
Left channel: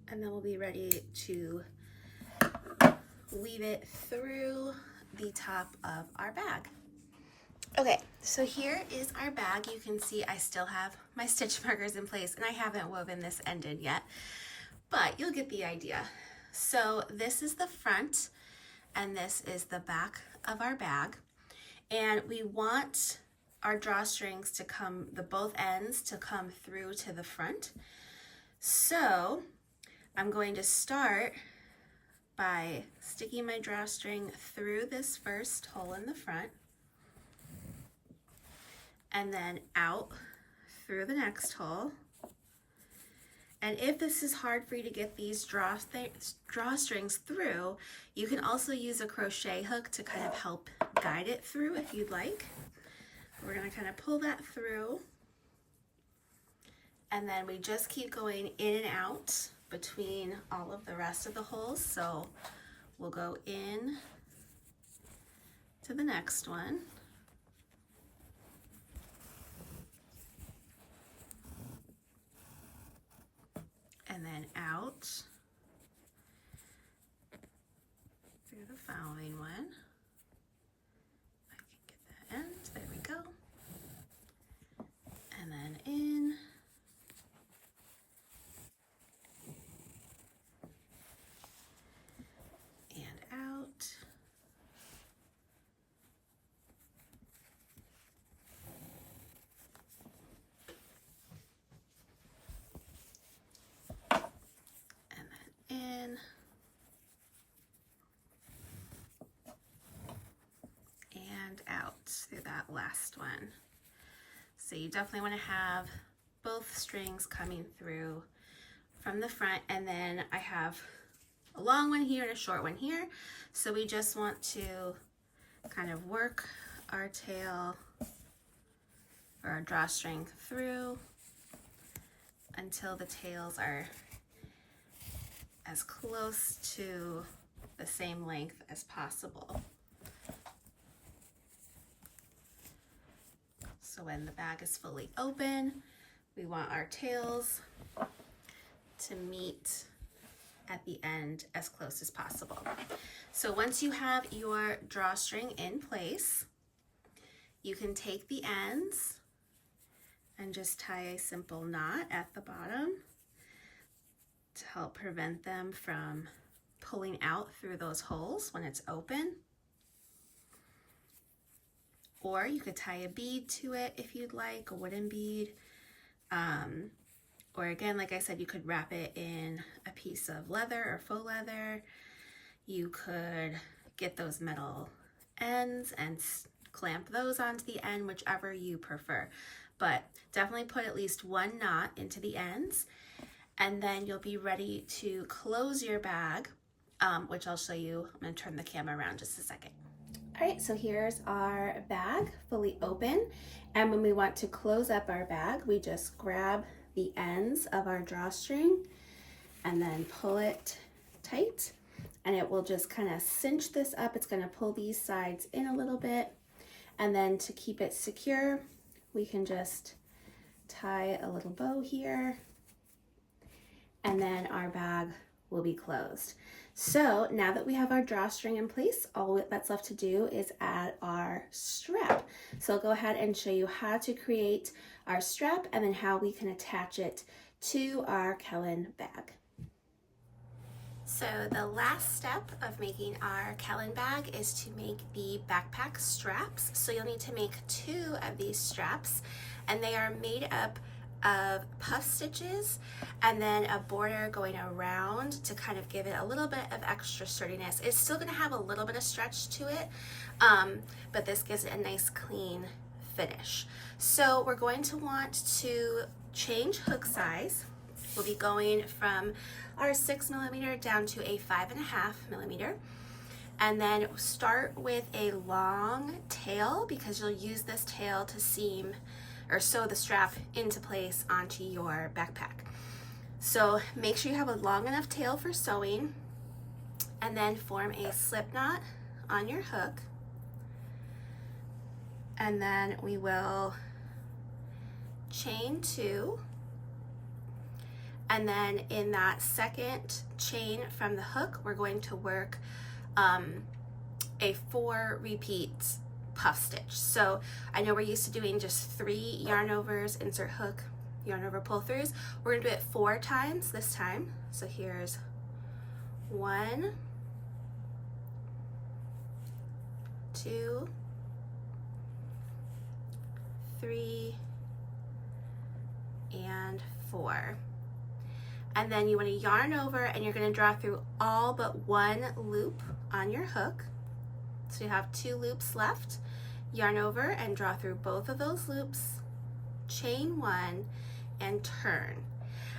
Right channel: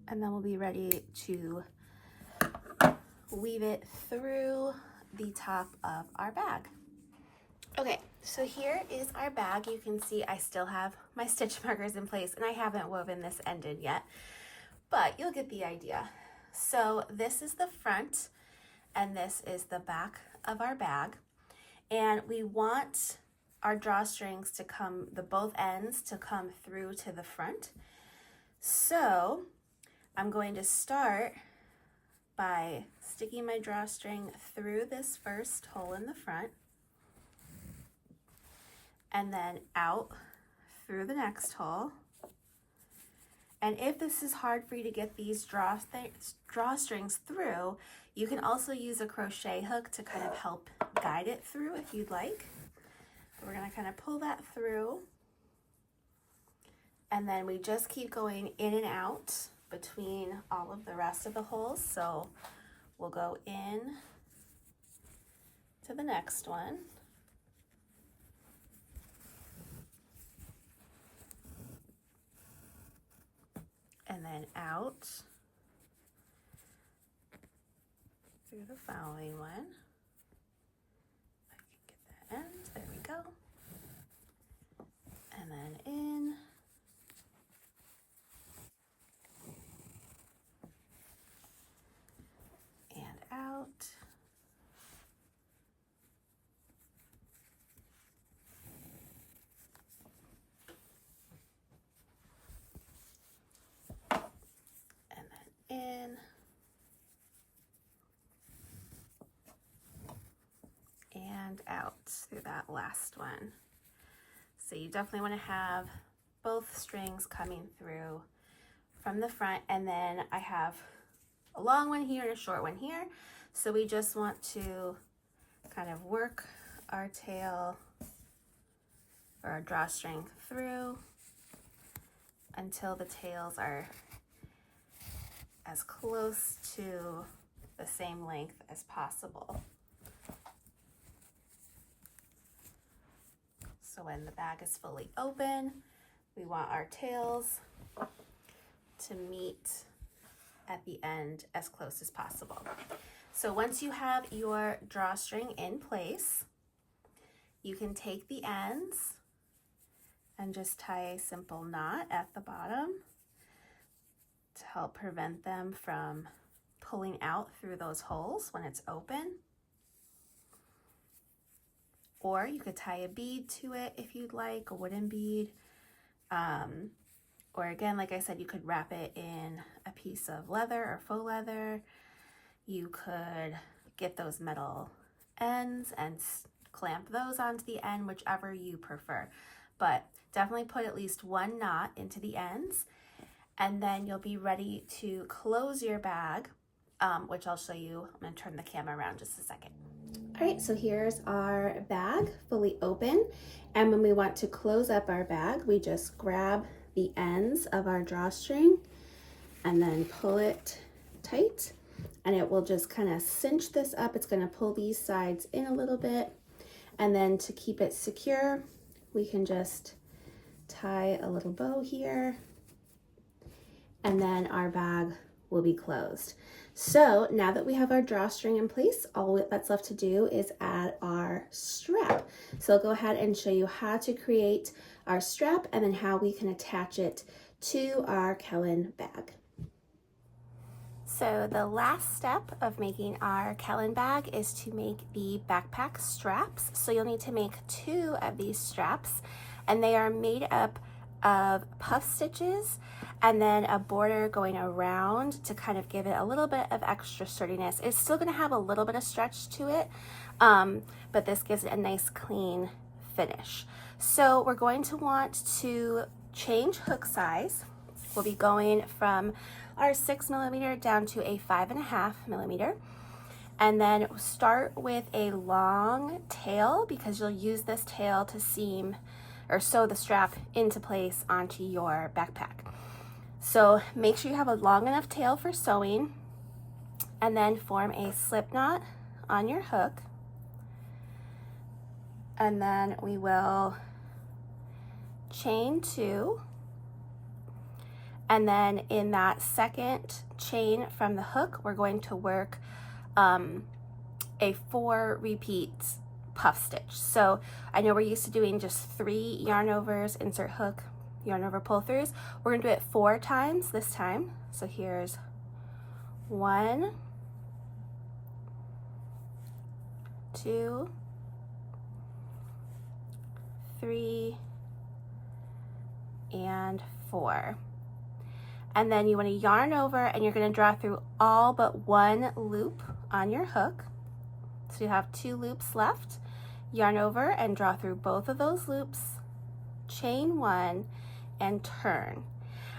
and then we'll be ready to weave it through the top of our bag. Okay, so here is our bag. You can see I still have my stitch markers in place and I haven't woven this ended yet, but you'll get the idea. So this is the front and this is the back of our bag, and we want our drawstrings to come, both ends to come through to the front. So I'm going to start by sticking my drawstring through this first hole in the front and then out through the next hole. And if this is hard for you to get these drawstrings through, you can also use a crochet hook to kind of help guide it through if you'd like. We're gonna kind of pull that through, and then we just keep going in and out between all of the rest of the holes. So we'll go in to the next one. And then out through the following one. I can get that end, there we go. And then in. And out. And then in. And out through that last one. So you definitely want to have both strings coming through from the front, and then I have a long one here and a short one here. So we just want to kind of work our tail or our drawstring through until the tails are as close to the same length as possible. So when the bag is fully open, we want our tails to meet at the end as close as possible. So once you have your drawstring in place, you can take the ends and just tie a simple knot at the bottom to help prevent them from pulling out through those holes when it's open. or you could tie a bead to it if you'd like, a wooden bead. Or again, like I said, you could wrap it in a piece of leather or faux leather. You could get those metal ends and clamp those onto the end, whichever you prefer. But definitely put at least one knot into the ends, and then you'll be ready to close your bag, which I'll show you. I'm going to turn the camera around just a second. All right, so here's our bag fully open. And when we want to close up our bag, we just grab the ends of our drawstring and then pull it tight, and it will just kind of cinch this up. It's going to pull these sides in a little bit, and then to keep it secure, we can just tie a little bow here, and then our bag will be closed. So now that we have our drawstring in place, all that's left to do is add our strap. So I'll go ahead and show you how to create our strap and then how we can attach it to our Kelan bag. So the last step of making our Kelan bag is to make the backpack straps. So you'll need to make 2 of these straps, and they are made up of puff stitches and then a border going around to kind of give it a little bit of extra sturdiness. It's still going to have a little bit of stretch to it, but this gives it a nice clean finish. So we're going to want to change hook size. We'll be going from our 6mm down to a 5.5mm, and then start with a long tail because you'll use this tail to seam or sew the strap into place onto your backpack. So make sure you have a long enough tail for sewing, and then form a slip knot on your hook, and then we will chain 2, and then in that second chain from the hook we're going to work a 4 repeat puff stitch. So I know we're used to doing just 3 yarn overs, insert hook, yarn over, pull throughs. We're gonna do it 4 times this time. So here's 1, 2, 3, and 4. And then you want to yarn over, and you're going to draw through all but 1 loop on your hook. So you have 2 loops left. Yarn over and draw through both of those loops, chain 1, and turn.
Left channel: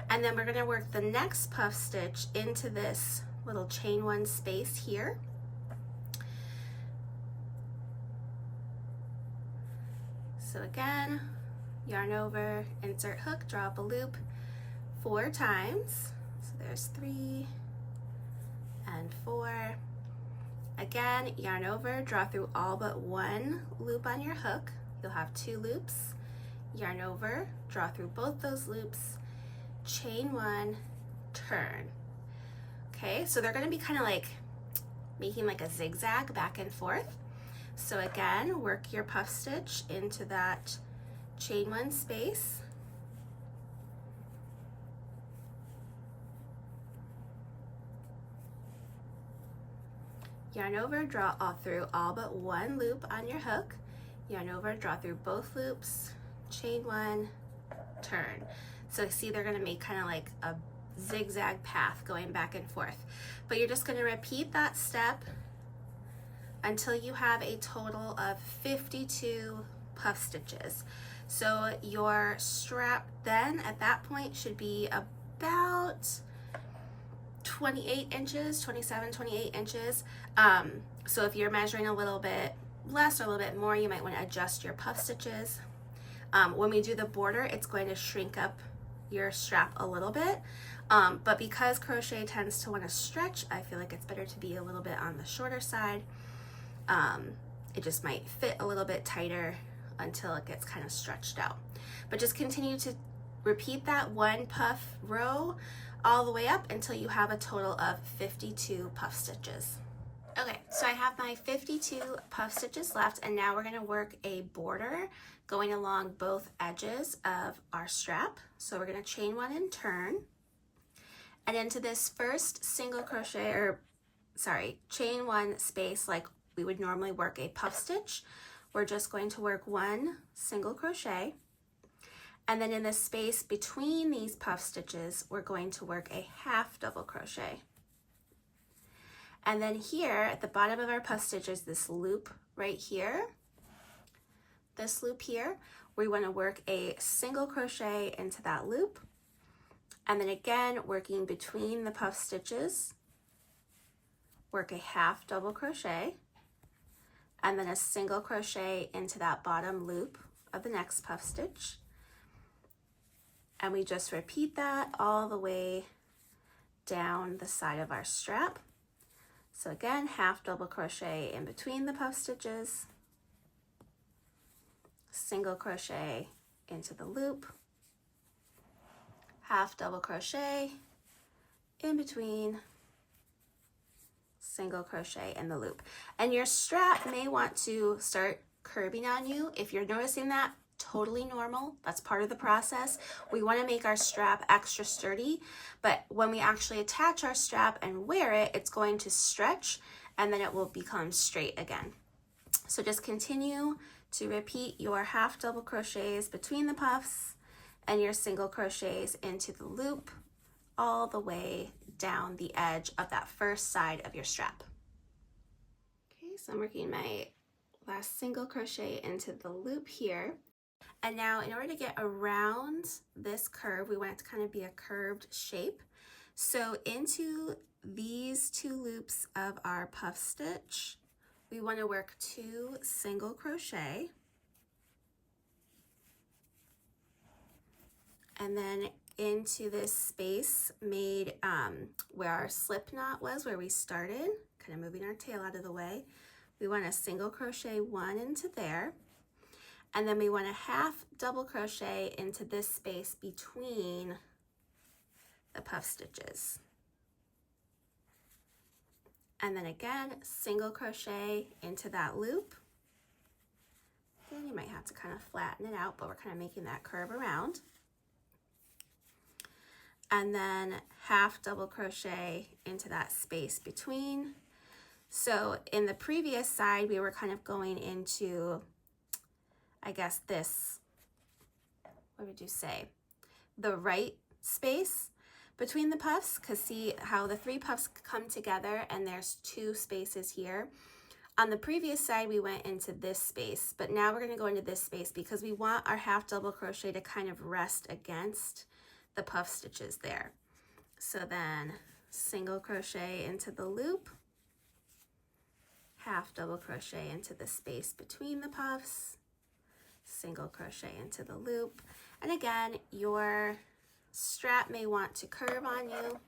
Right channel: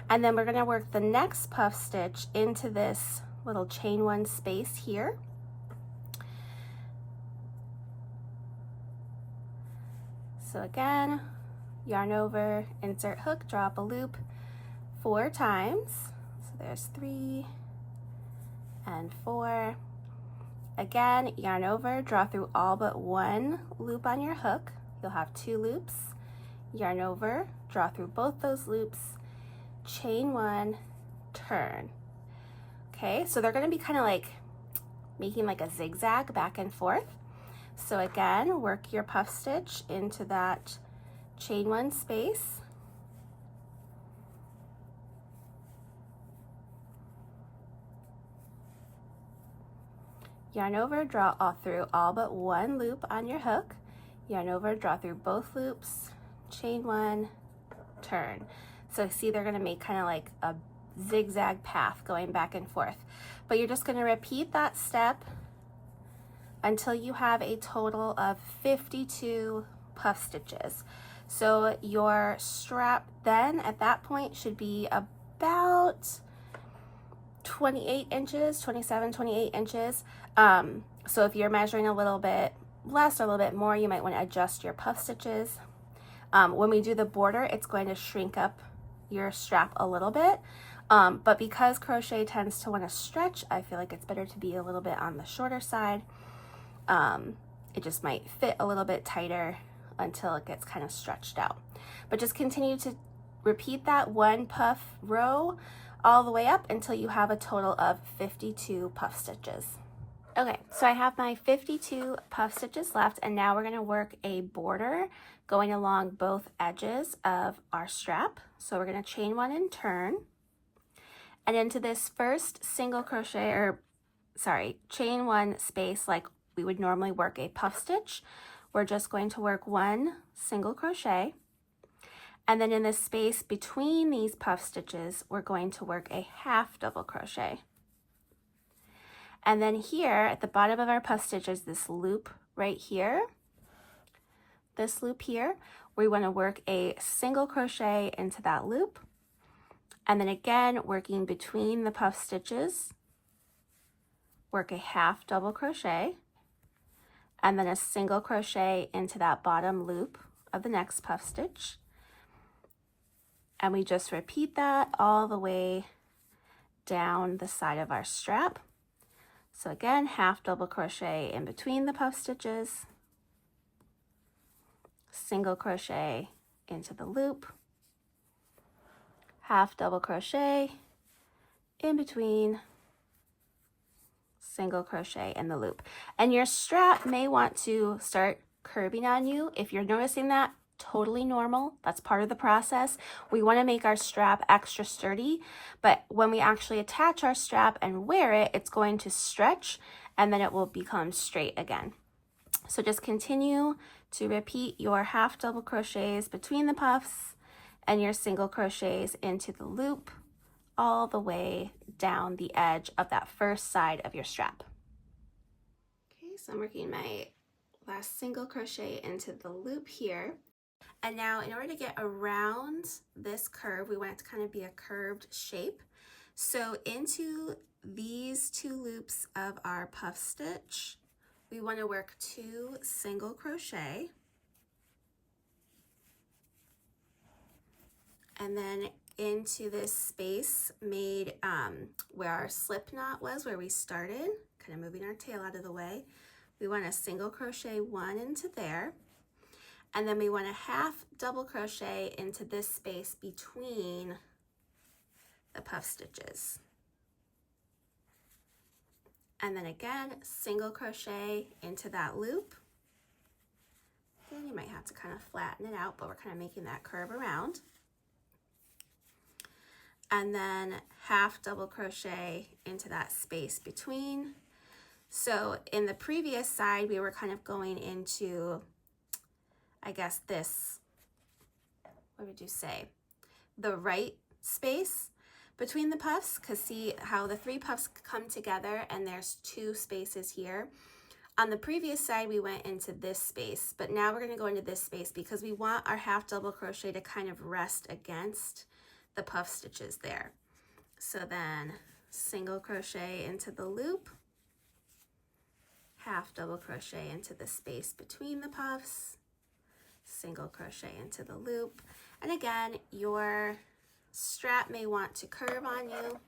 And then we're going to work the next puff stitch into this little chain 1 space here. So again, yarn over, insert hook, draw up a loop 4 times. So there's 3 and 4. Again, yarn over, draw through all but 1 loop on your hook. You'll have 2 loops. Yarn over, draw through both those loops, chain 1, turn. Okay, so they're going to be kind of like making like a zigzag back and forth. So again, work your puff stitch into that chain 1 space. Yarn over, draw through all but 1 loop on your hook. Yarn over, draw through both loops, chain 1, turn. So see, they're going to make kind of like a zigzag path going back and forth. But you're just going to repeat that step until you have a total of 52 puff stitches. So your strap then at that point should be about 28 inches, 27, 28 inches. So if you're measuring a little bit less or a little bit more, you might want to adjust your puff stitches. When we do the border, it's going to shrink up your strap a little bit. But because crochet tends to want to stretch, I feel like it's better to be a little bit on the shorter side. It just might fit a little bit tighter until it gets kind of stretched out. But just continue to repeat that 1 puff row all the way up until you have a total of 52 puff stitches. Okay, so I have my 52 puff stitches left, and now we're going to work a border going along both edges of our strap. So we're going to chain 1 and turn, and into this first single crochet, or sorry, chain 1 space like we would normally work a puff stitch, we're just going to work 1 single crochet, and then in the space between these puff stitches, we're going to work a half double crochet. And then here at the bottom of our puff stitch is this loop right here. This loop here, we want to work a single crochet into that loop. And then again, working between the puff stitches, work a half double crochet, and then a single crochet into that bottom loop of the next puff stitch. And we just repeat that all the way down the side of our strap. So again, half double crochet in between the puff stitches, single crochet into the loop, half double crochet in between, single crochet in the loop. And your strap may want to start curving on you. If you're noticing that, totally normal. That's part of the process. We want to make our strap extra sturdy, but when we actually attach our strap and wear it, it's going to stretch and then it will become straight again. So just continue to repeat your half double crochets between the puffs and your single crochets into the loop all the way down the edge of that first side of your strap. Okay, so I'm working my last single crochet into the loop here. And now in order to get around this curve, we want it to kind of be a curved shape. So into these 2 loops of our puff stitch, we want to work 2 single crochet. And then into this space made where our slip knot was, where we started, kind of moving our tail out of the way, we want a single crochet 1 into there. And then we want a half double crochet into this space between the puff stitches. And then again, single crochet into that loop. Then you might have to kind of flatten it out, but we're kind of making that curve around. And then half double crochet into that space between. So in the previous side, we were kind of going into, I guess this, what would you say, the right space between the puffs, because see how the 3 puffs come together and there's 2 spaces here. On the previous side, we went into this space, but now we're going to go into this space because we want our half double crochet to kind of rest against the puff stitches there. So then single crochet into the loop, half double crochet into the space between the puffs, single crochet into the loop. And again, your strap may want to curve on you.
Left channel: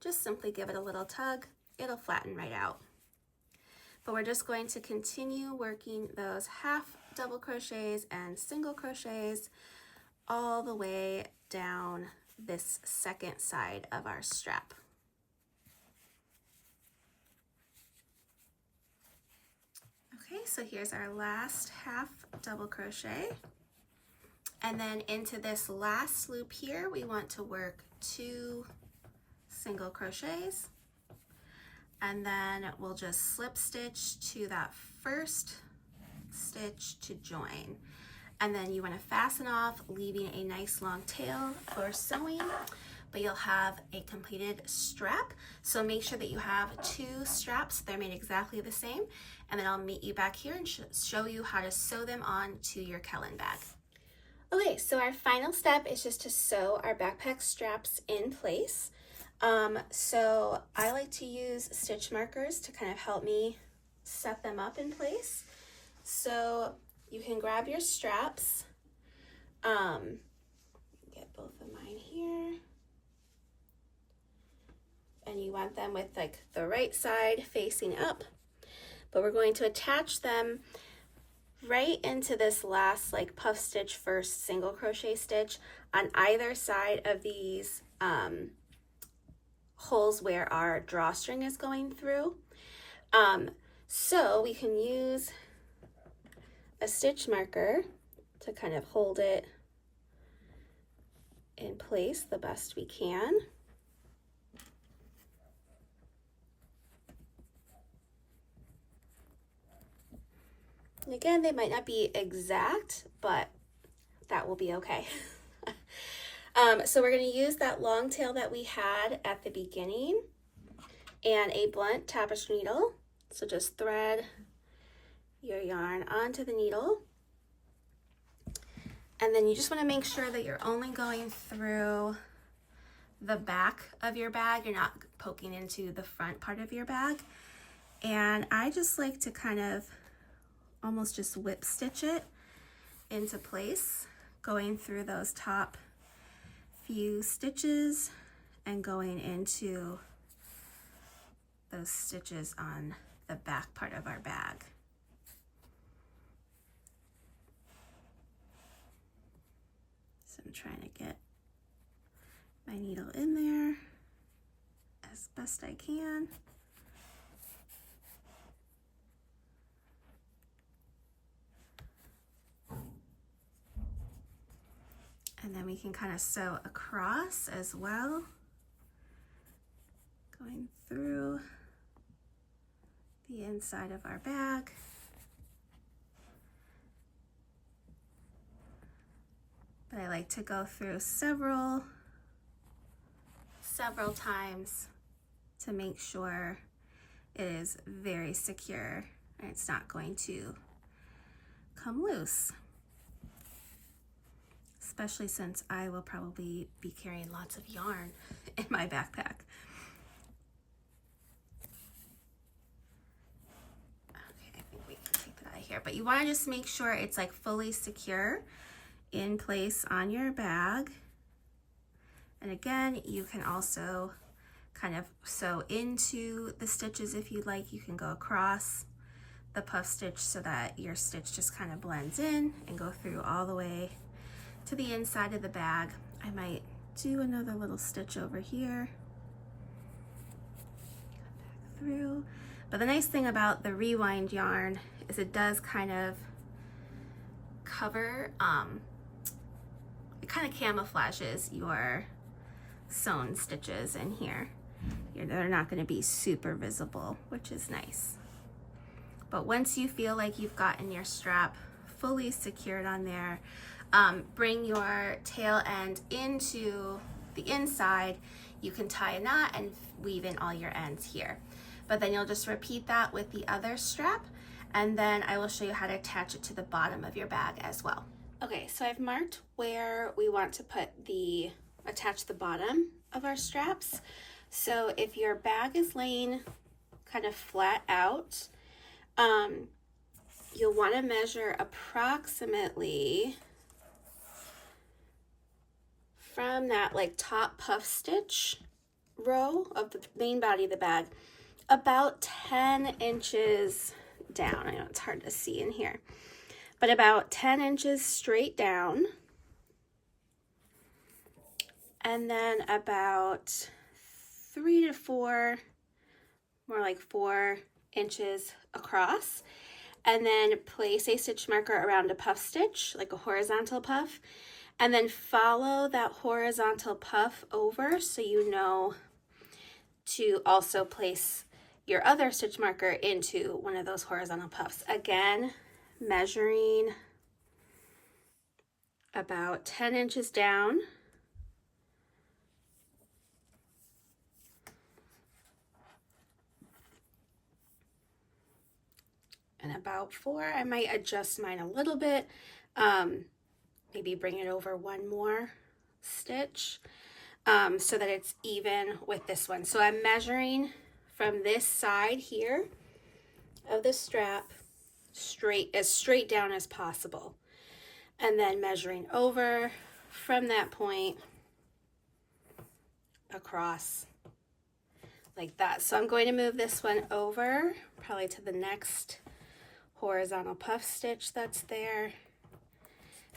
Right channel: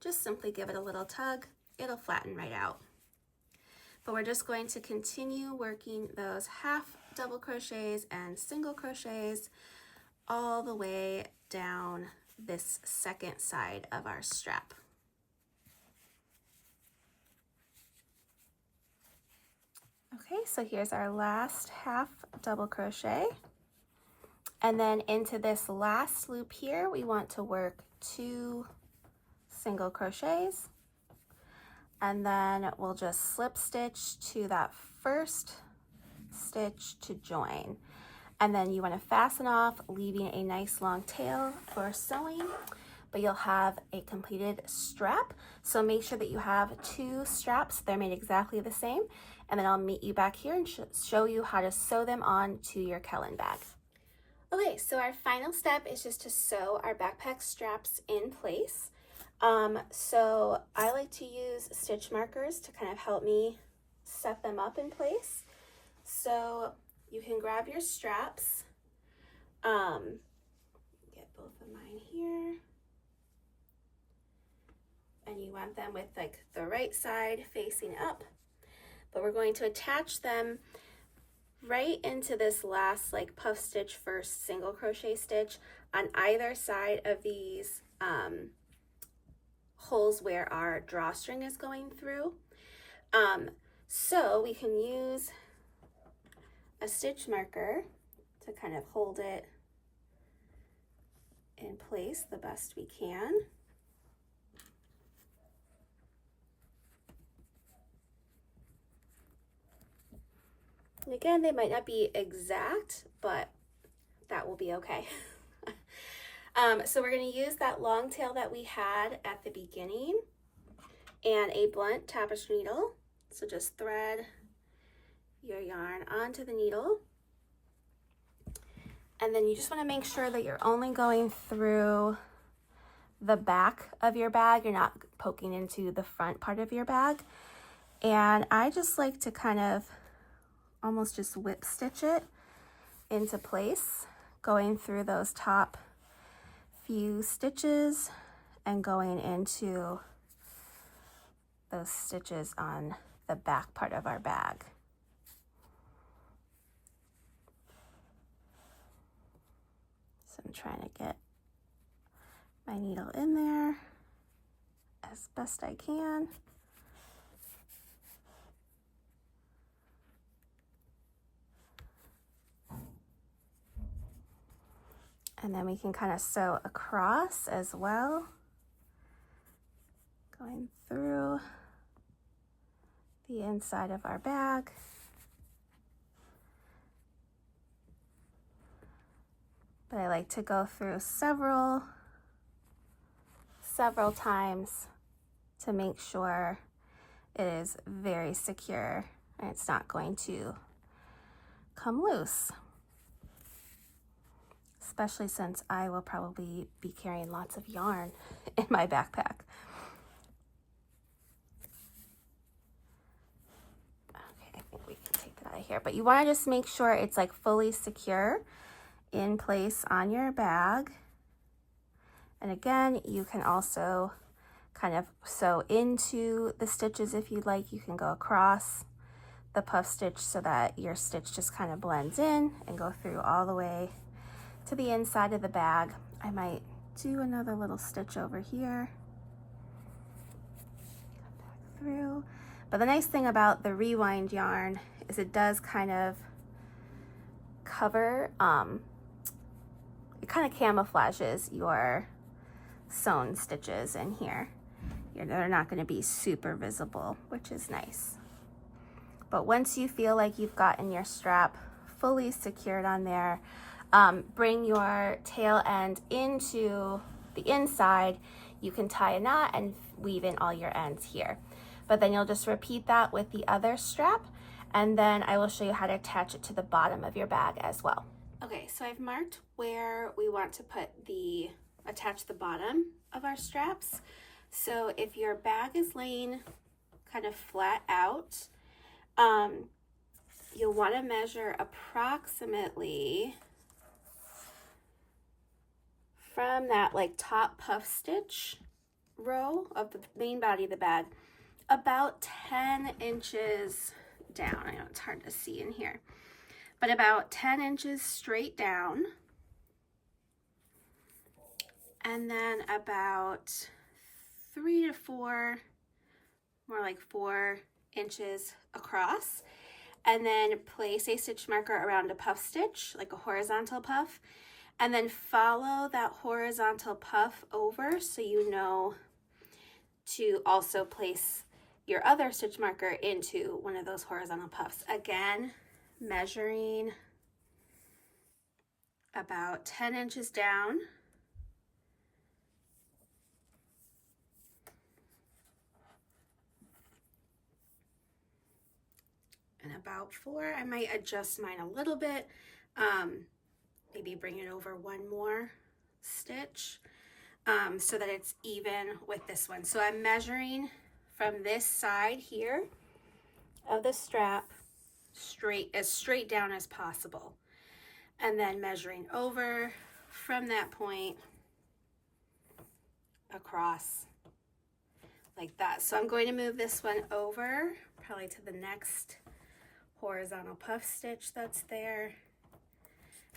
Just simply give it a little tug. It'll flatten right out. But we're just going to continue working those half double crochets and single crochets all the way down this second side of our strap. Okay, so here's our last half double crochet. And then into this last loop here, we want to work 2 single crochets. And then we'll just slip stitch to that first stitch to join. And then you want to fasten off, leaving a nice long tail for sewing, but you'll have a completed strap. So make sure that you have 2 straps. They're made exactly the same. And then I'll meet you back here and show you how to sew them on to your Kelan bag. Okay, so our final step is just to sew our backpack straps in place. So I like to use stitch markers to kind of help me set them up in place. So you can grab your straps, get both of mine here, and you want them with like the right side facing up, but we're going to attach them right into this last like puff stitch first single crochet stitch on either side of these holes where our drawstring is going through. So we can use a stitch marker to kind of hold it in place the best we can. And again, they might not be exact, but that will be okay. So we're going to use that long tail that we had at the beginning and a blunt tapestry needle. So just thread your yarn onto the needle. And then you just want to make sure that you're only going through the back of your bag. You're not poking into the front part of your bag. And I just like to kind of almost just whip stitch it into place, going through those top few stitches and going into those stitches on the back part of our bag. So I'm trying to get my needle in there as best I can. And then we can kind of sew across as well, going through the inside of our bag. But I like to go through several times to make sure it is very secure and it's not going to come loose. Especially since I will probably be carrying lots of yarn in my backpack. Okay, I think we can take it out of here. But you want to just make sure it's like fully secure in place on your bag. And again, you can also kind of sew into the stitches if you'd like. You can go across the puff stitch so that your stitch just kind of blends in and go through all the way to the inside of the bag. I might do another little stitch over here, back through. But the nice thing about the rewind yarn is it does kind of cover, it kind of camouflages your sewn stitches in here. They're not going to be super visible, which is nice. But once you feel like you've gotten your strap fully secured on there, bring your tail end into the inside. You can tie a knot and weave in all your ends here. But then you'll just repeat that with the other strap, and then I will show you how to attach it to the bottom of your bag as well. Okay, so I've marked where we want to attach the bottom of our straps. So if your bag is laying kind of flat out, you'll want to measure approximately from that like top puff stitch row of the main body of the bag, about 10 inches down. I know it's hard to see in here, but about 10 inches straight down. And then about 3 to 4, more like 4 inches across. And then place a stitch marker around a puff stitch, like a horizontal puff. And then follow that horizontal puff over so you know to also place your other stitch marker into one of those horizontal puffs. Again, measuring about 10 inches down. And about 4, I might adjust mine a little bit. Maybe bring it over one more stitch so that it's even with this one. So I'm measuring from this side here of the strap as straight down as possible, and then measuring over from that point across like that. So I'm going to move this one over probably to the next horizontal puff stitch that's there.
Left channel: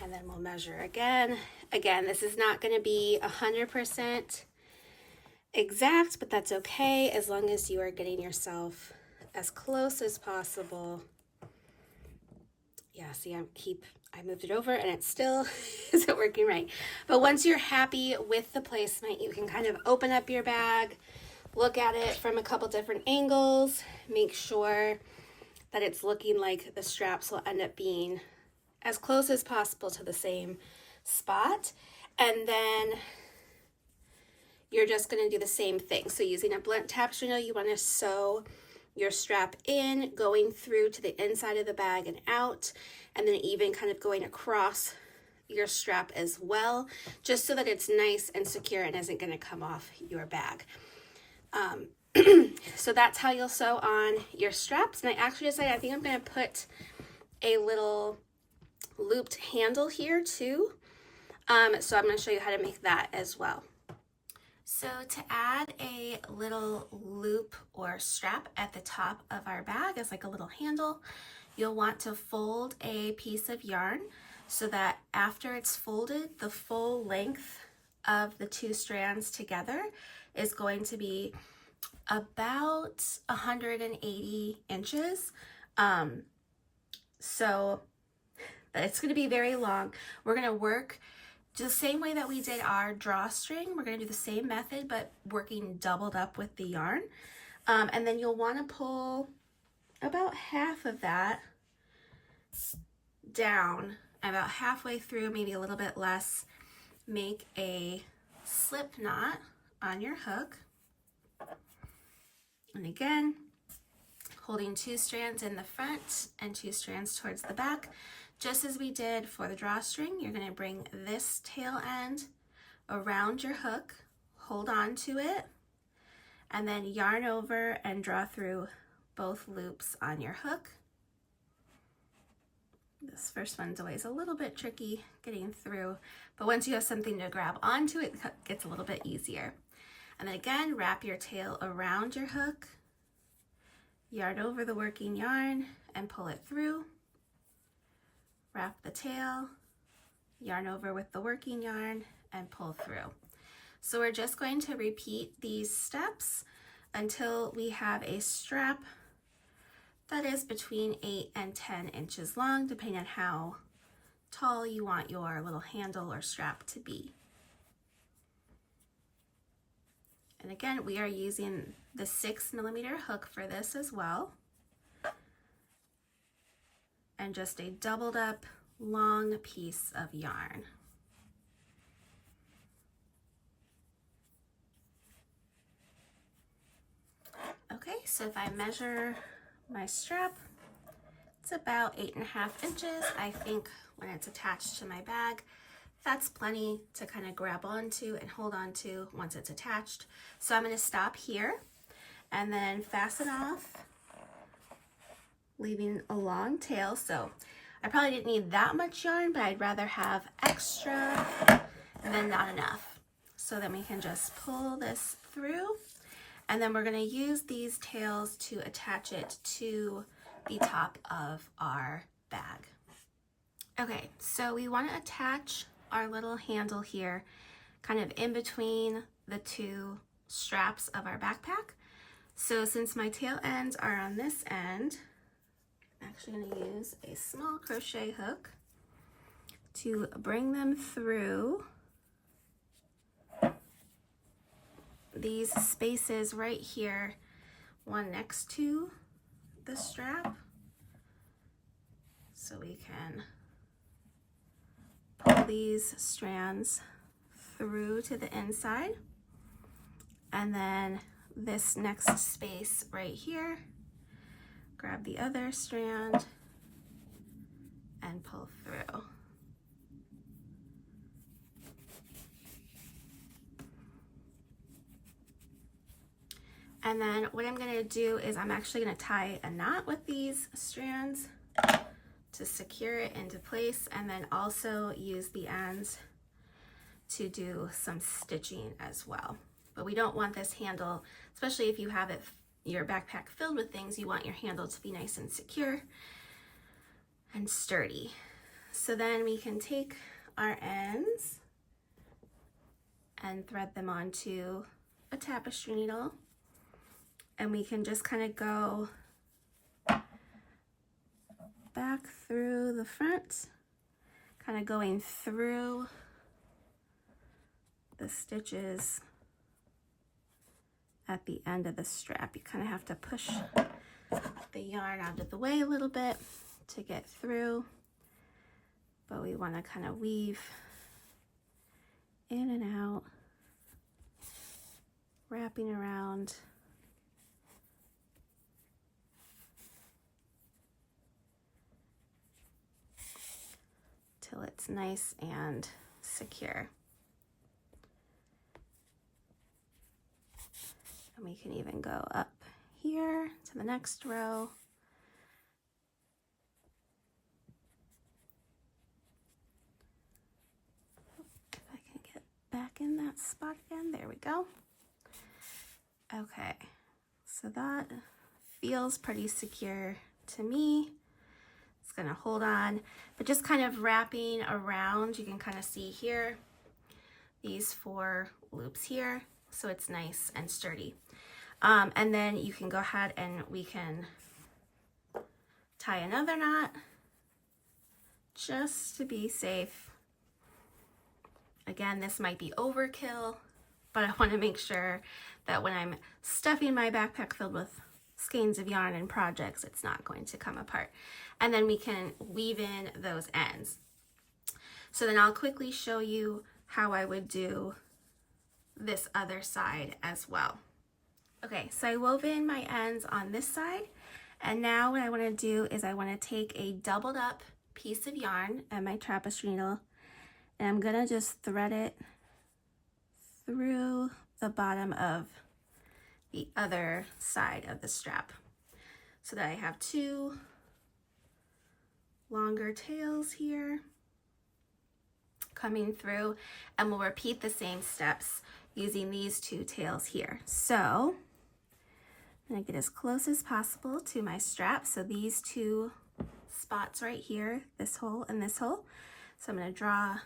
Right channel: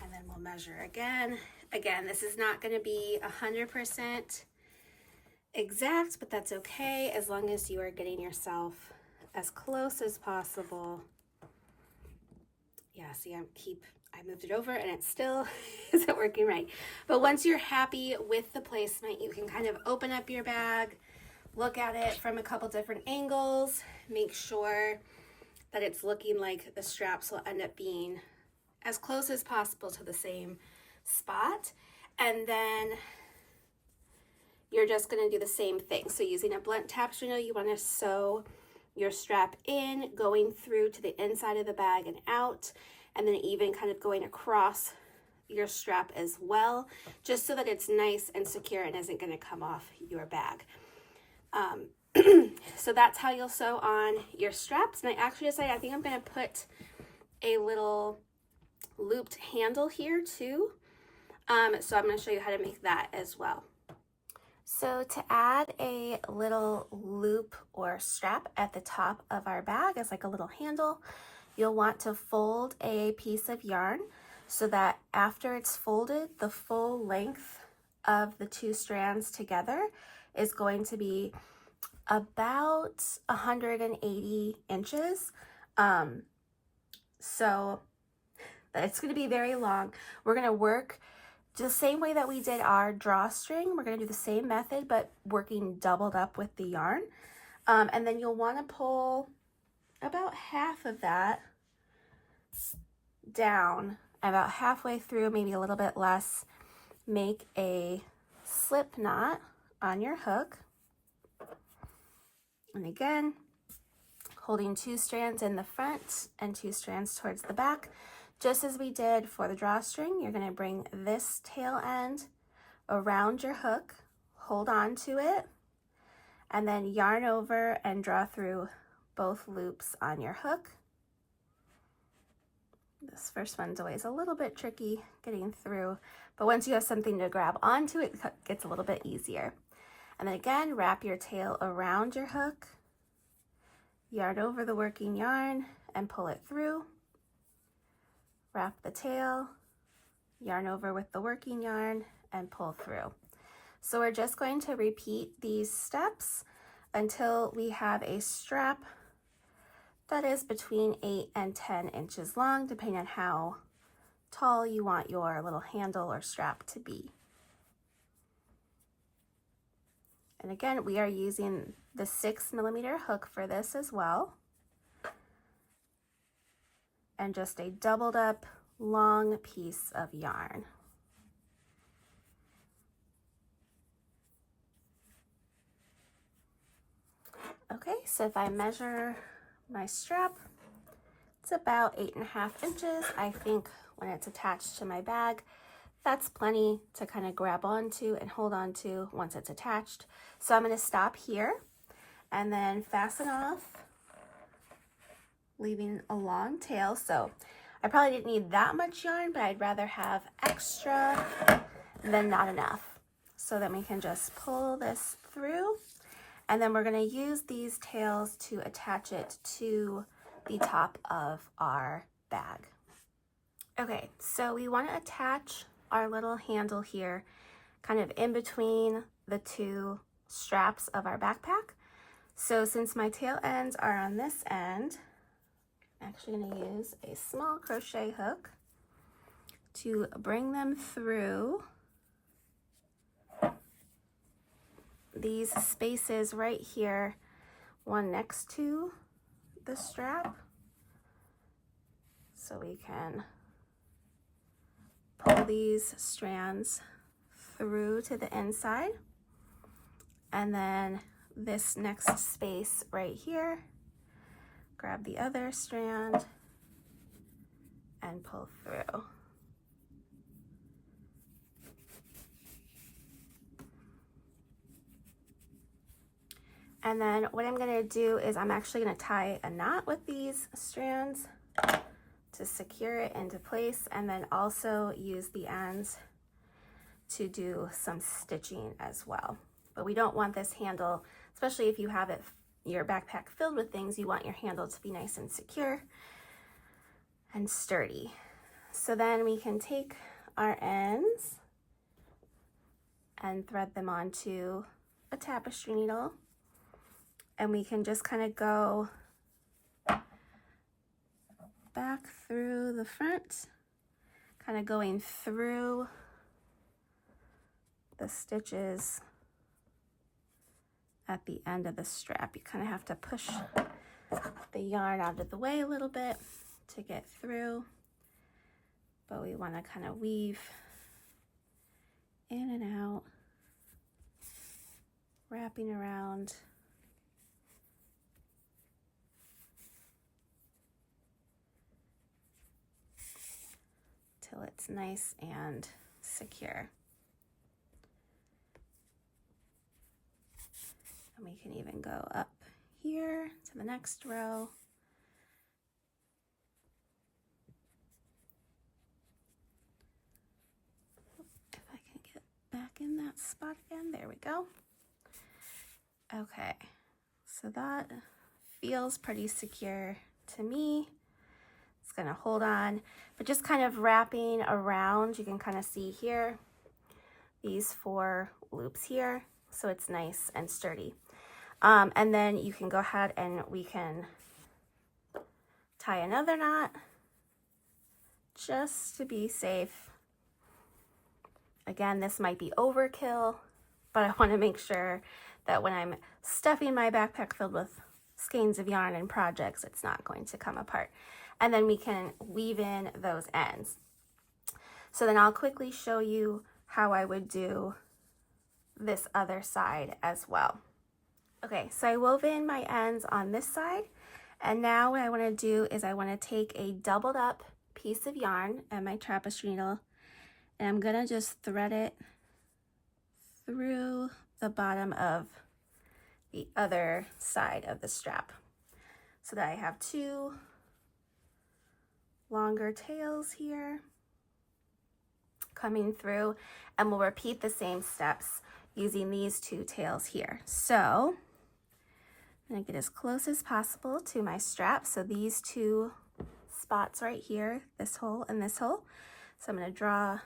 And then we'll measure again. Again, this is not going to be 100% exact, but that's okay as long as you are getting yourself as close as possible. Yeah, see, I moved it over and it still isn't working right. But once you're happy with the placement, you can kind of open up your bag, look at it from a couple different angles, make sure that it's looking like the straps will end up being as close as possible to the same spot. And then you're just going to do the same thing. So using a blunt tapestry needle, you want to sew your strap in, going through to the inside of the bag and out, and then even kind of going across your strap as well, just so that it's nice and secure and isn't going to come off your bag. So that's how you'll sew on your straps. And I actually decided I think I'm going to put a little looped handle here too. So I'm going to show you how to make that as well. So to add a little loop or strap at the top of our bag as like a little handle, you'll want to fold a piece of yarn so that after it's folded, the full length of the two strands together is going to be about 180 inches. So it's going to be very long. We're going to work the same way that we did our drawstring. We're going to do the same method, but working doubled up with the yarn. And then you'll want to pull about half of that down, about halfway through, maybe a little bit less. Make a slip knot on your hook. And again, holding two strands in the front and two strands towards the back. Just as we did for the drawstring, you're going to bring this tail end around your hook, hold on to it, and then yarn over and draw through both loops on your hook. This first one's always a little bit tricky getting through, but once you have something to grab onto, it gets a little bit easier. And then again, wrap your tail around your hook, yarn over the working yarn and pull it through. Wrap the tail, yarn over with the working yarn and pull through. So we're just going to repeat these steps until we have a strap that is between 8 and 10 inches long, depending on how tall you want your little handle or strap to be. And again, we are using the 6mm hook for this as well. And just a doubled up long piece of yarn. Okay, so if I measure my strap, it's about 8.5 inches. I think when it's attached to my bag, that's plenty to kind of grab onto and hold on to once it's attached. So I'm going to stop here and then fasten off, leaving a long tail. So I probably didn't need that much yarn, but I'd rather have extra than not enough. So then we can just pull this through, and then we're going to use these tails to attach it to the top of our bag. Okay, so we want to attach our little handle here kind of in between the two straps of our backpack. So since my tail ends are on this end, I'm actually going to use a small crochet hook to bring them through these spaces right here, one next to the strap, so we can pull these strands through to the inside. And then this next space right here, grab the other strand and pull through. And then what I'm going to do is I'm actually going to tie a knot with these strands to secure it into place, and then also use the ends to do some stitching as well. But we don't want this handle, especially if you have your backpack filled with things, you want your handle to be nice and secure and sturdy. So then we can take our ends and thread them onto a tapestry needle, and we can just kind of go back through the front, kind of going through the stitches at the end of the strap. You kind of have to push the yarn out of the way a little bit to get through, but we want to kind of weave in and out, wrapping around. Till it's nice and secure. And we can even go up here to the next row. If I can get back in that spot again, there we go. Okay, so that feels pretty secure to me. It's gonna hold on, but just kind of wrapping around, you can kind of see here, these 4 loops here, so it's nice and sturdy. And then you can go ahead and we can tie another knot just to be safe. Again, this might be overkill, but I want to make sure that when I'm stuffing my backpack filled with skeins of yarn and projects, it's not going to come apart. And then we can weave in those ends. So then I'll quickly show you how I would do this other side as well. Okay, so I wove in my ends on this side, and now what I want to do is I want to take a doubled up piece of yarn and my tapestry needle, and I'm gonna just thread it through the bottom of the other side of the strap so that I have 2 longer tails here coming through, and we'll repeat the same steps using these 2 tails here. So I'm gonna get as close as possible to my strap. So these 2 spots right here, this hole and this hole. So I'm gonna draw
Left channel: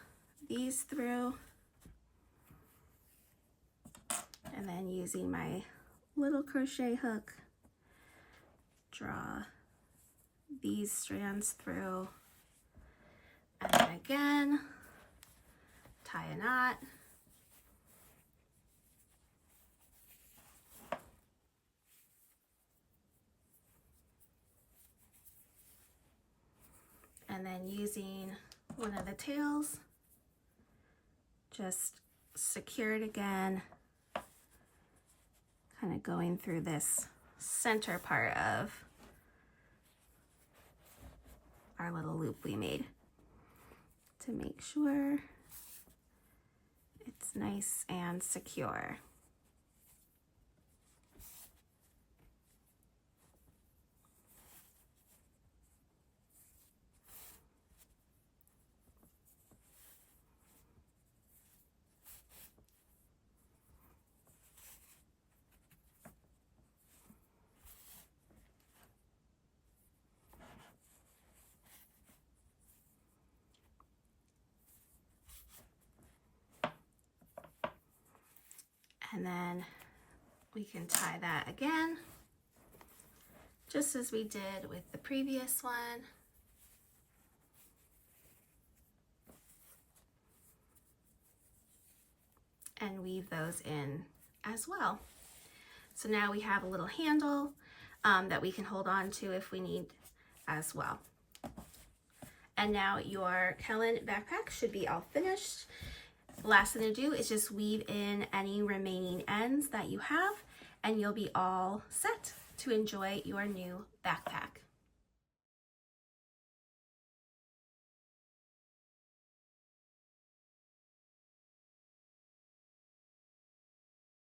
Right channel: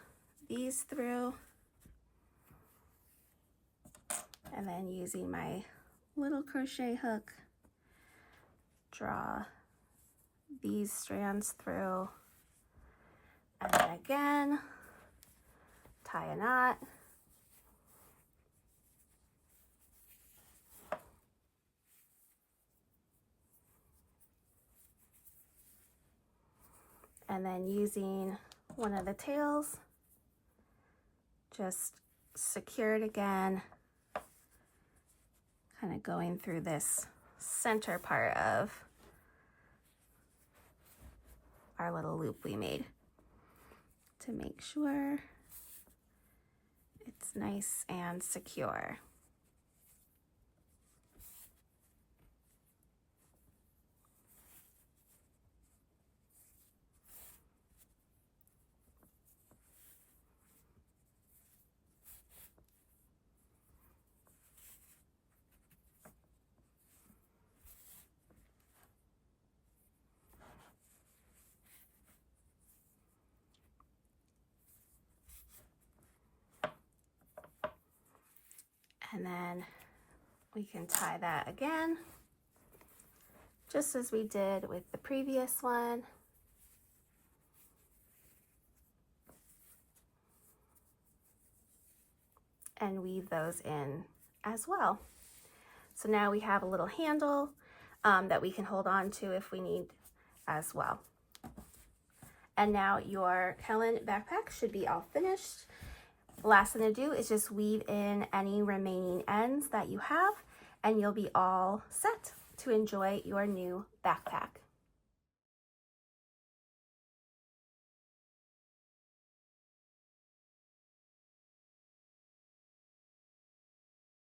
these through, and then using my little crochet hook, draw these strands through, and then again tie a knot, and then using one of the tails, just secure it again, kind of going through this center part of our little loop we made to make sure it's nice and secure. And then we can tie that again, just as we did with the previous one. And weave those in as well. So now we have a little handle that we can hold on to if we need as well. And now your Kelan backpack should be all finished. The last thing to do is just weave in any remaining ends that you have, and you'll be all set to enjoy your new backpack.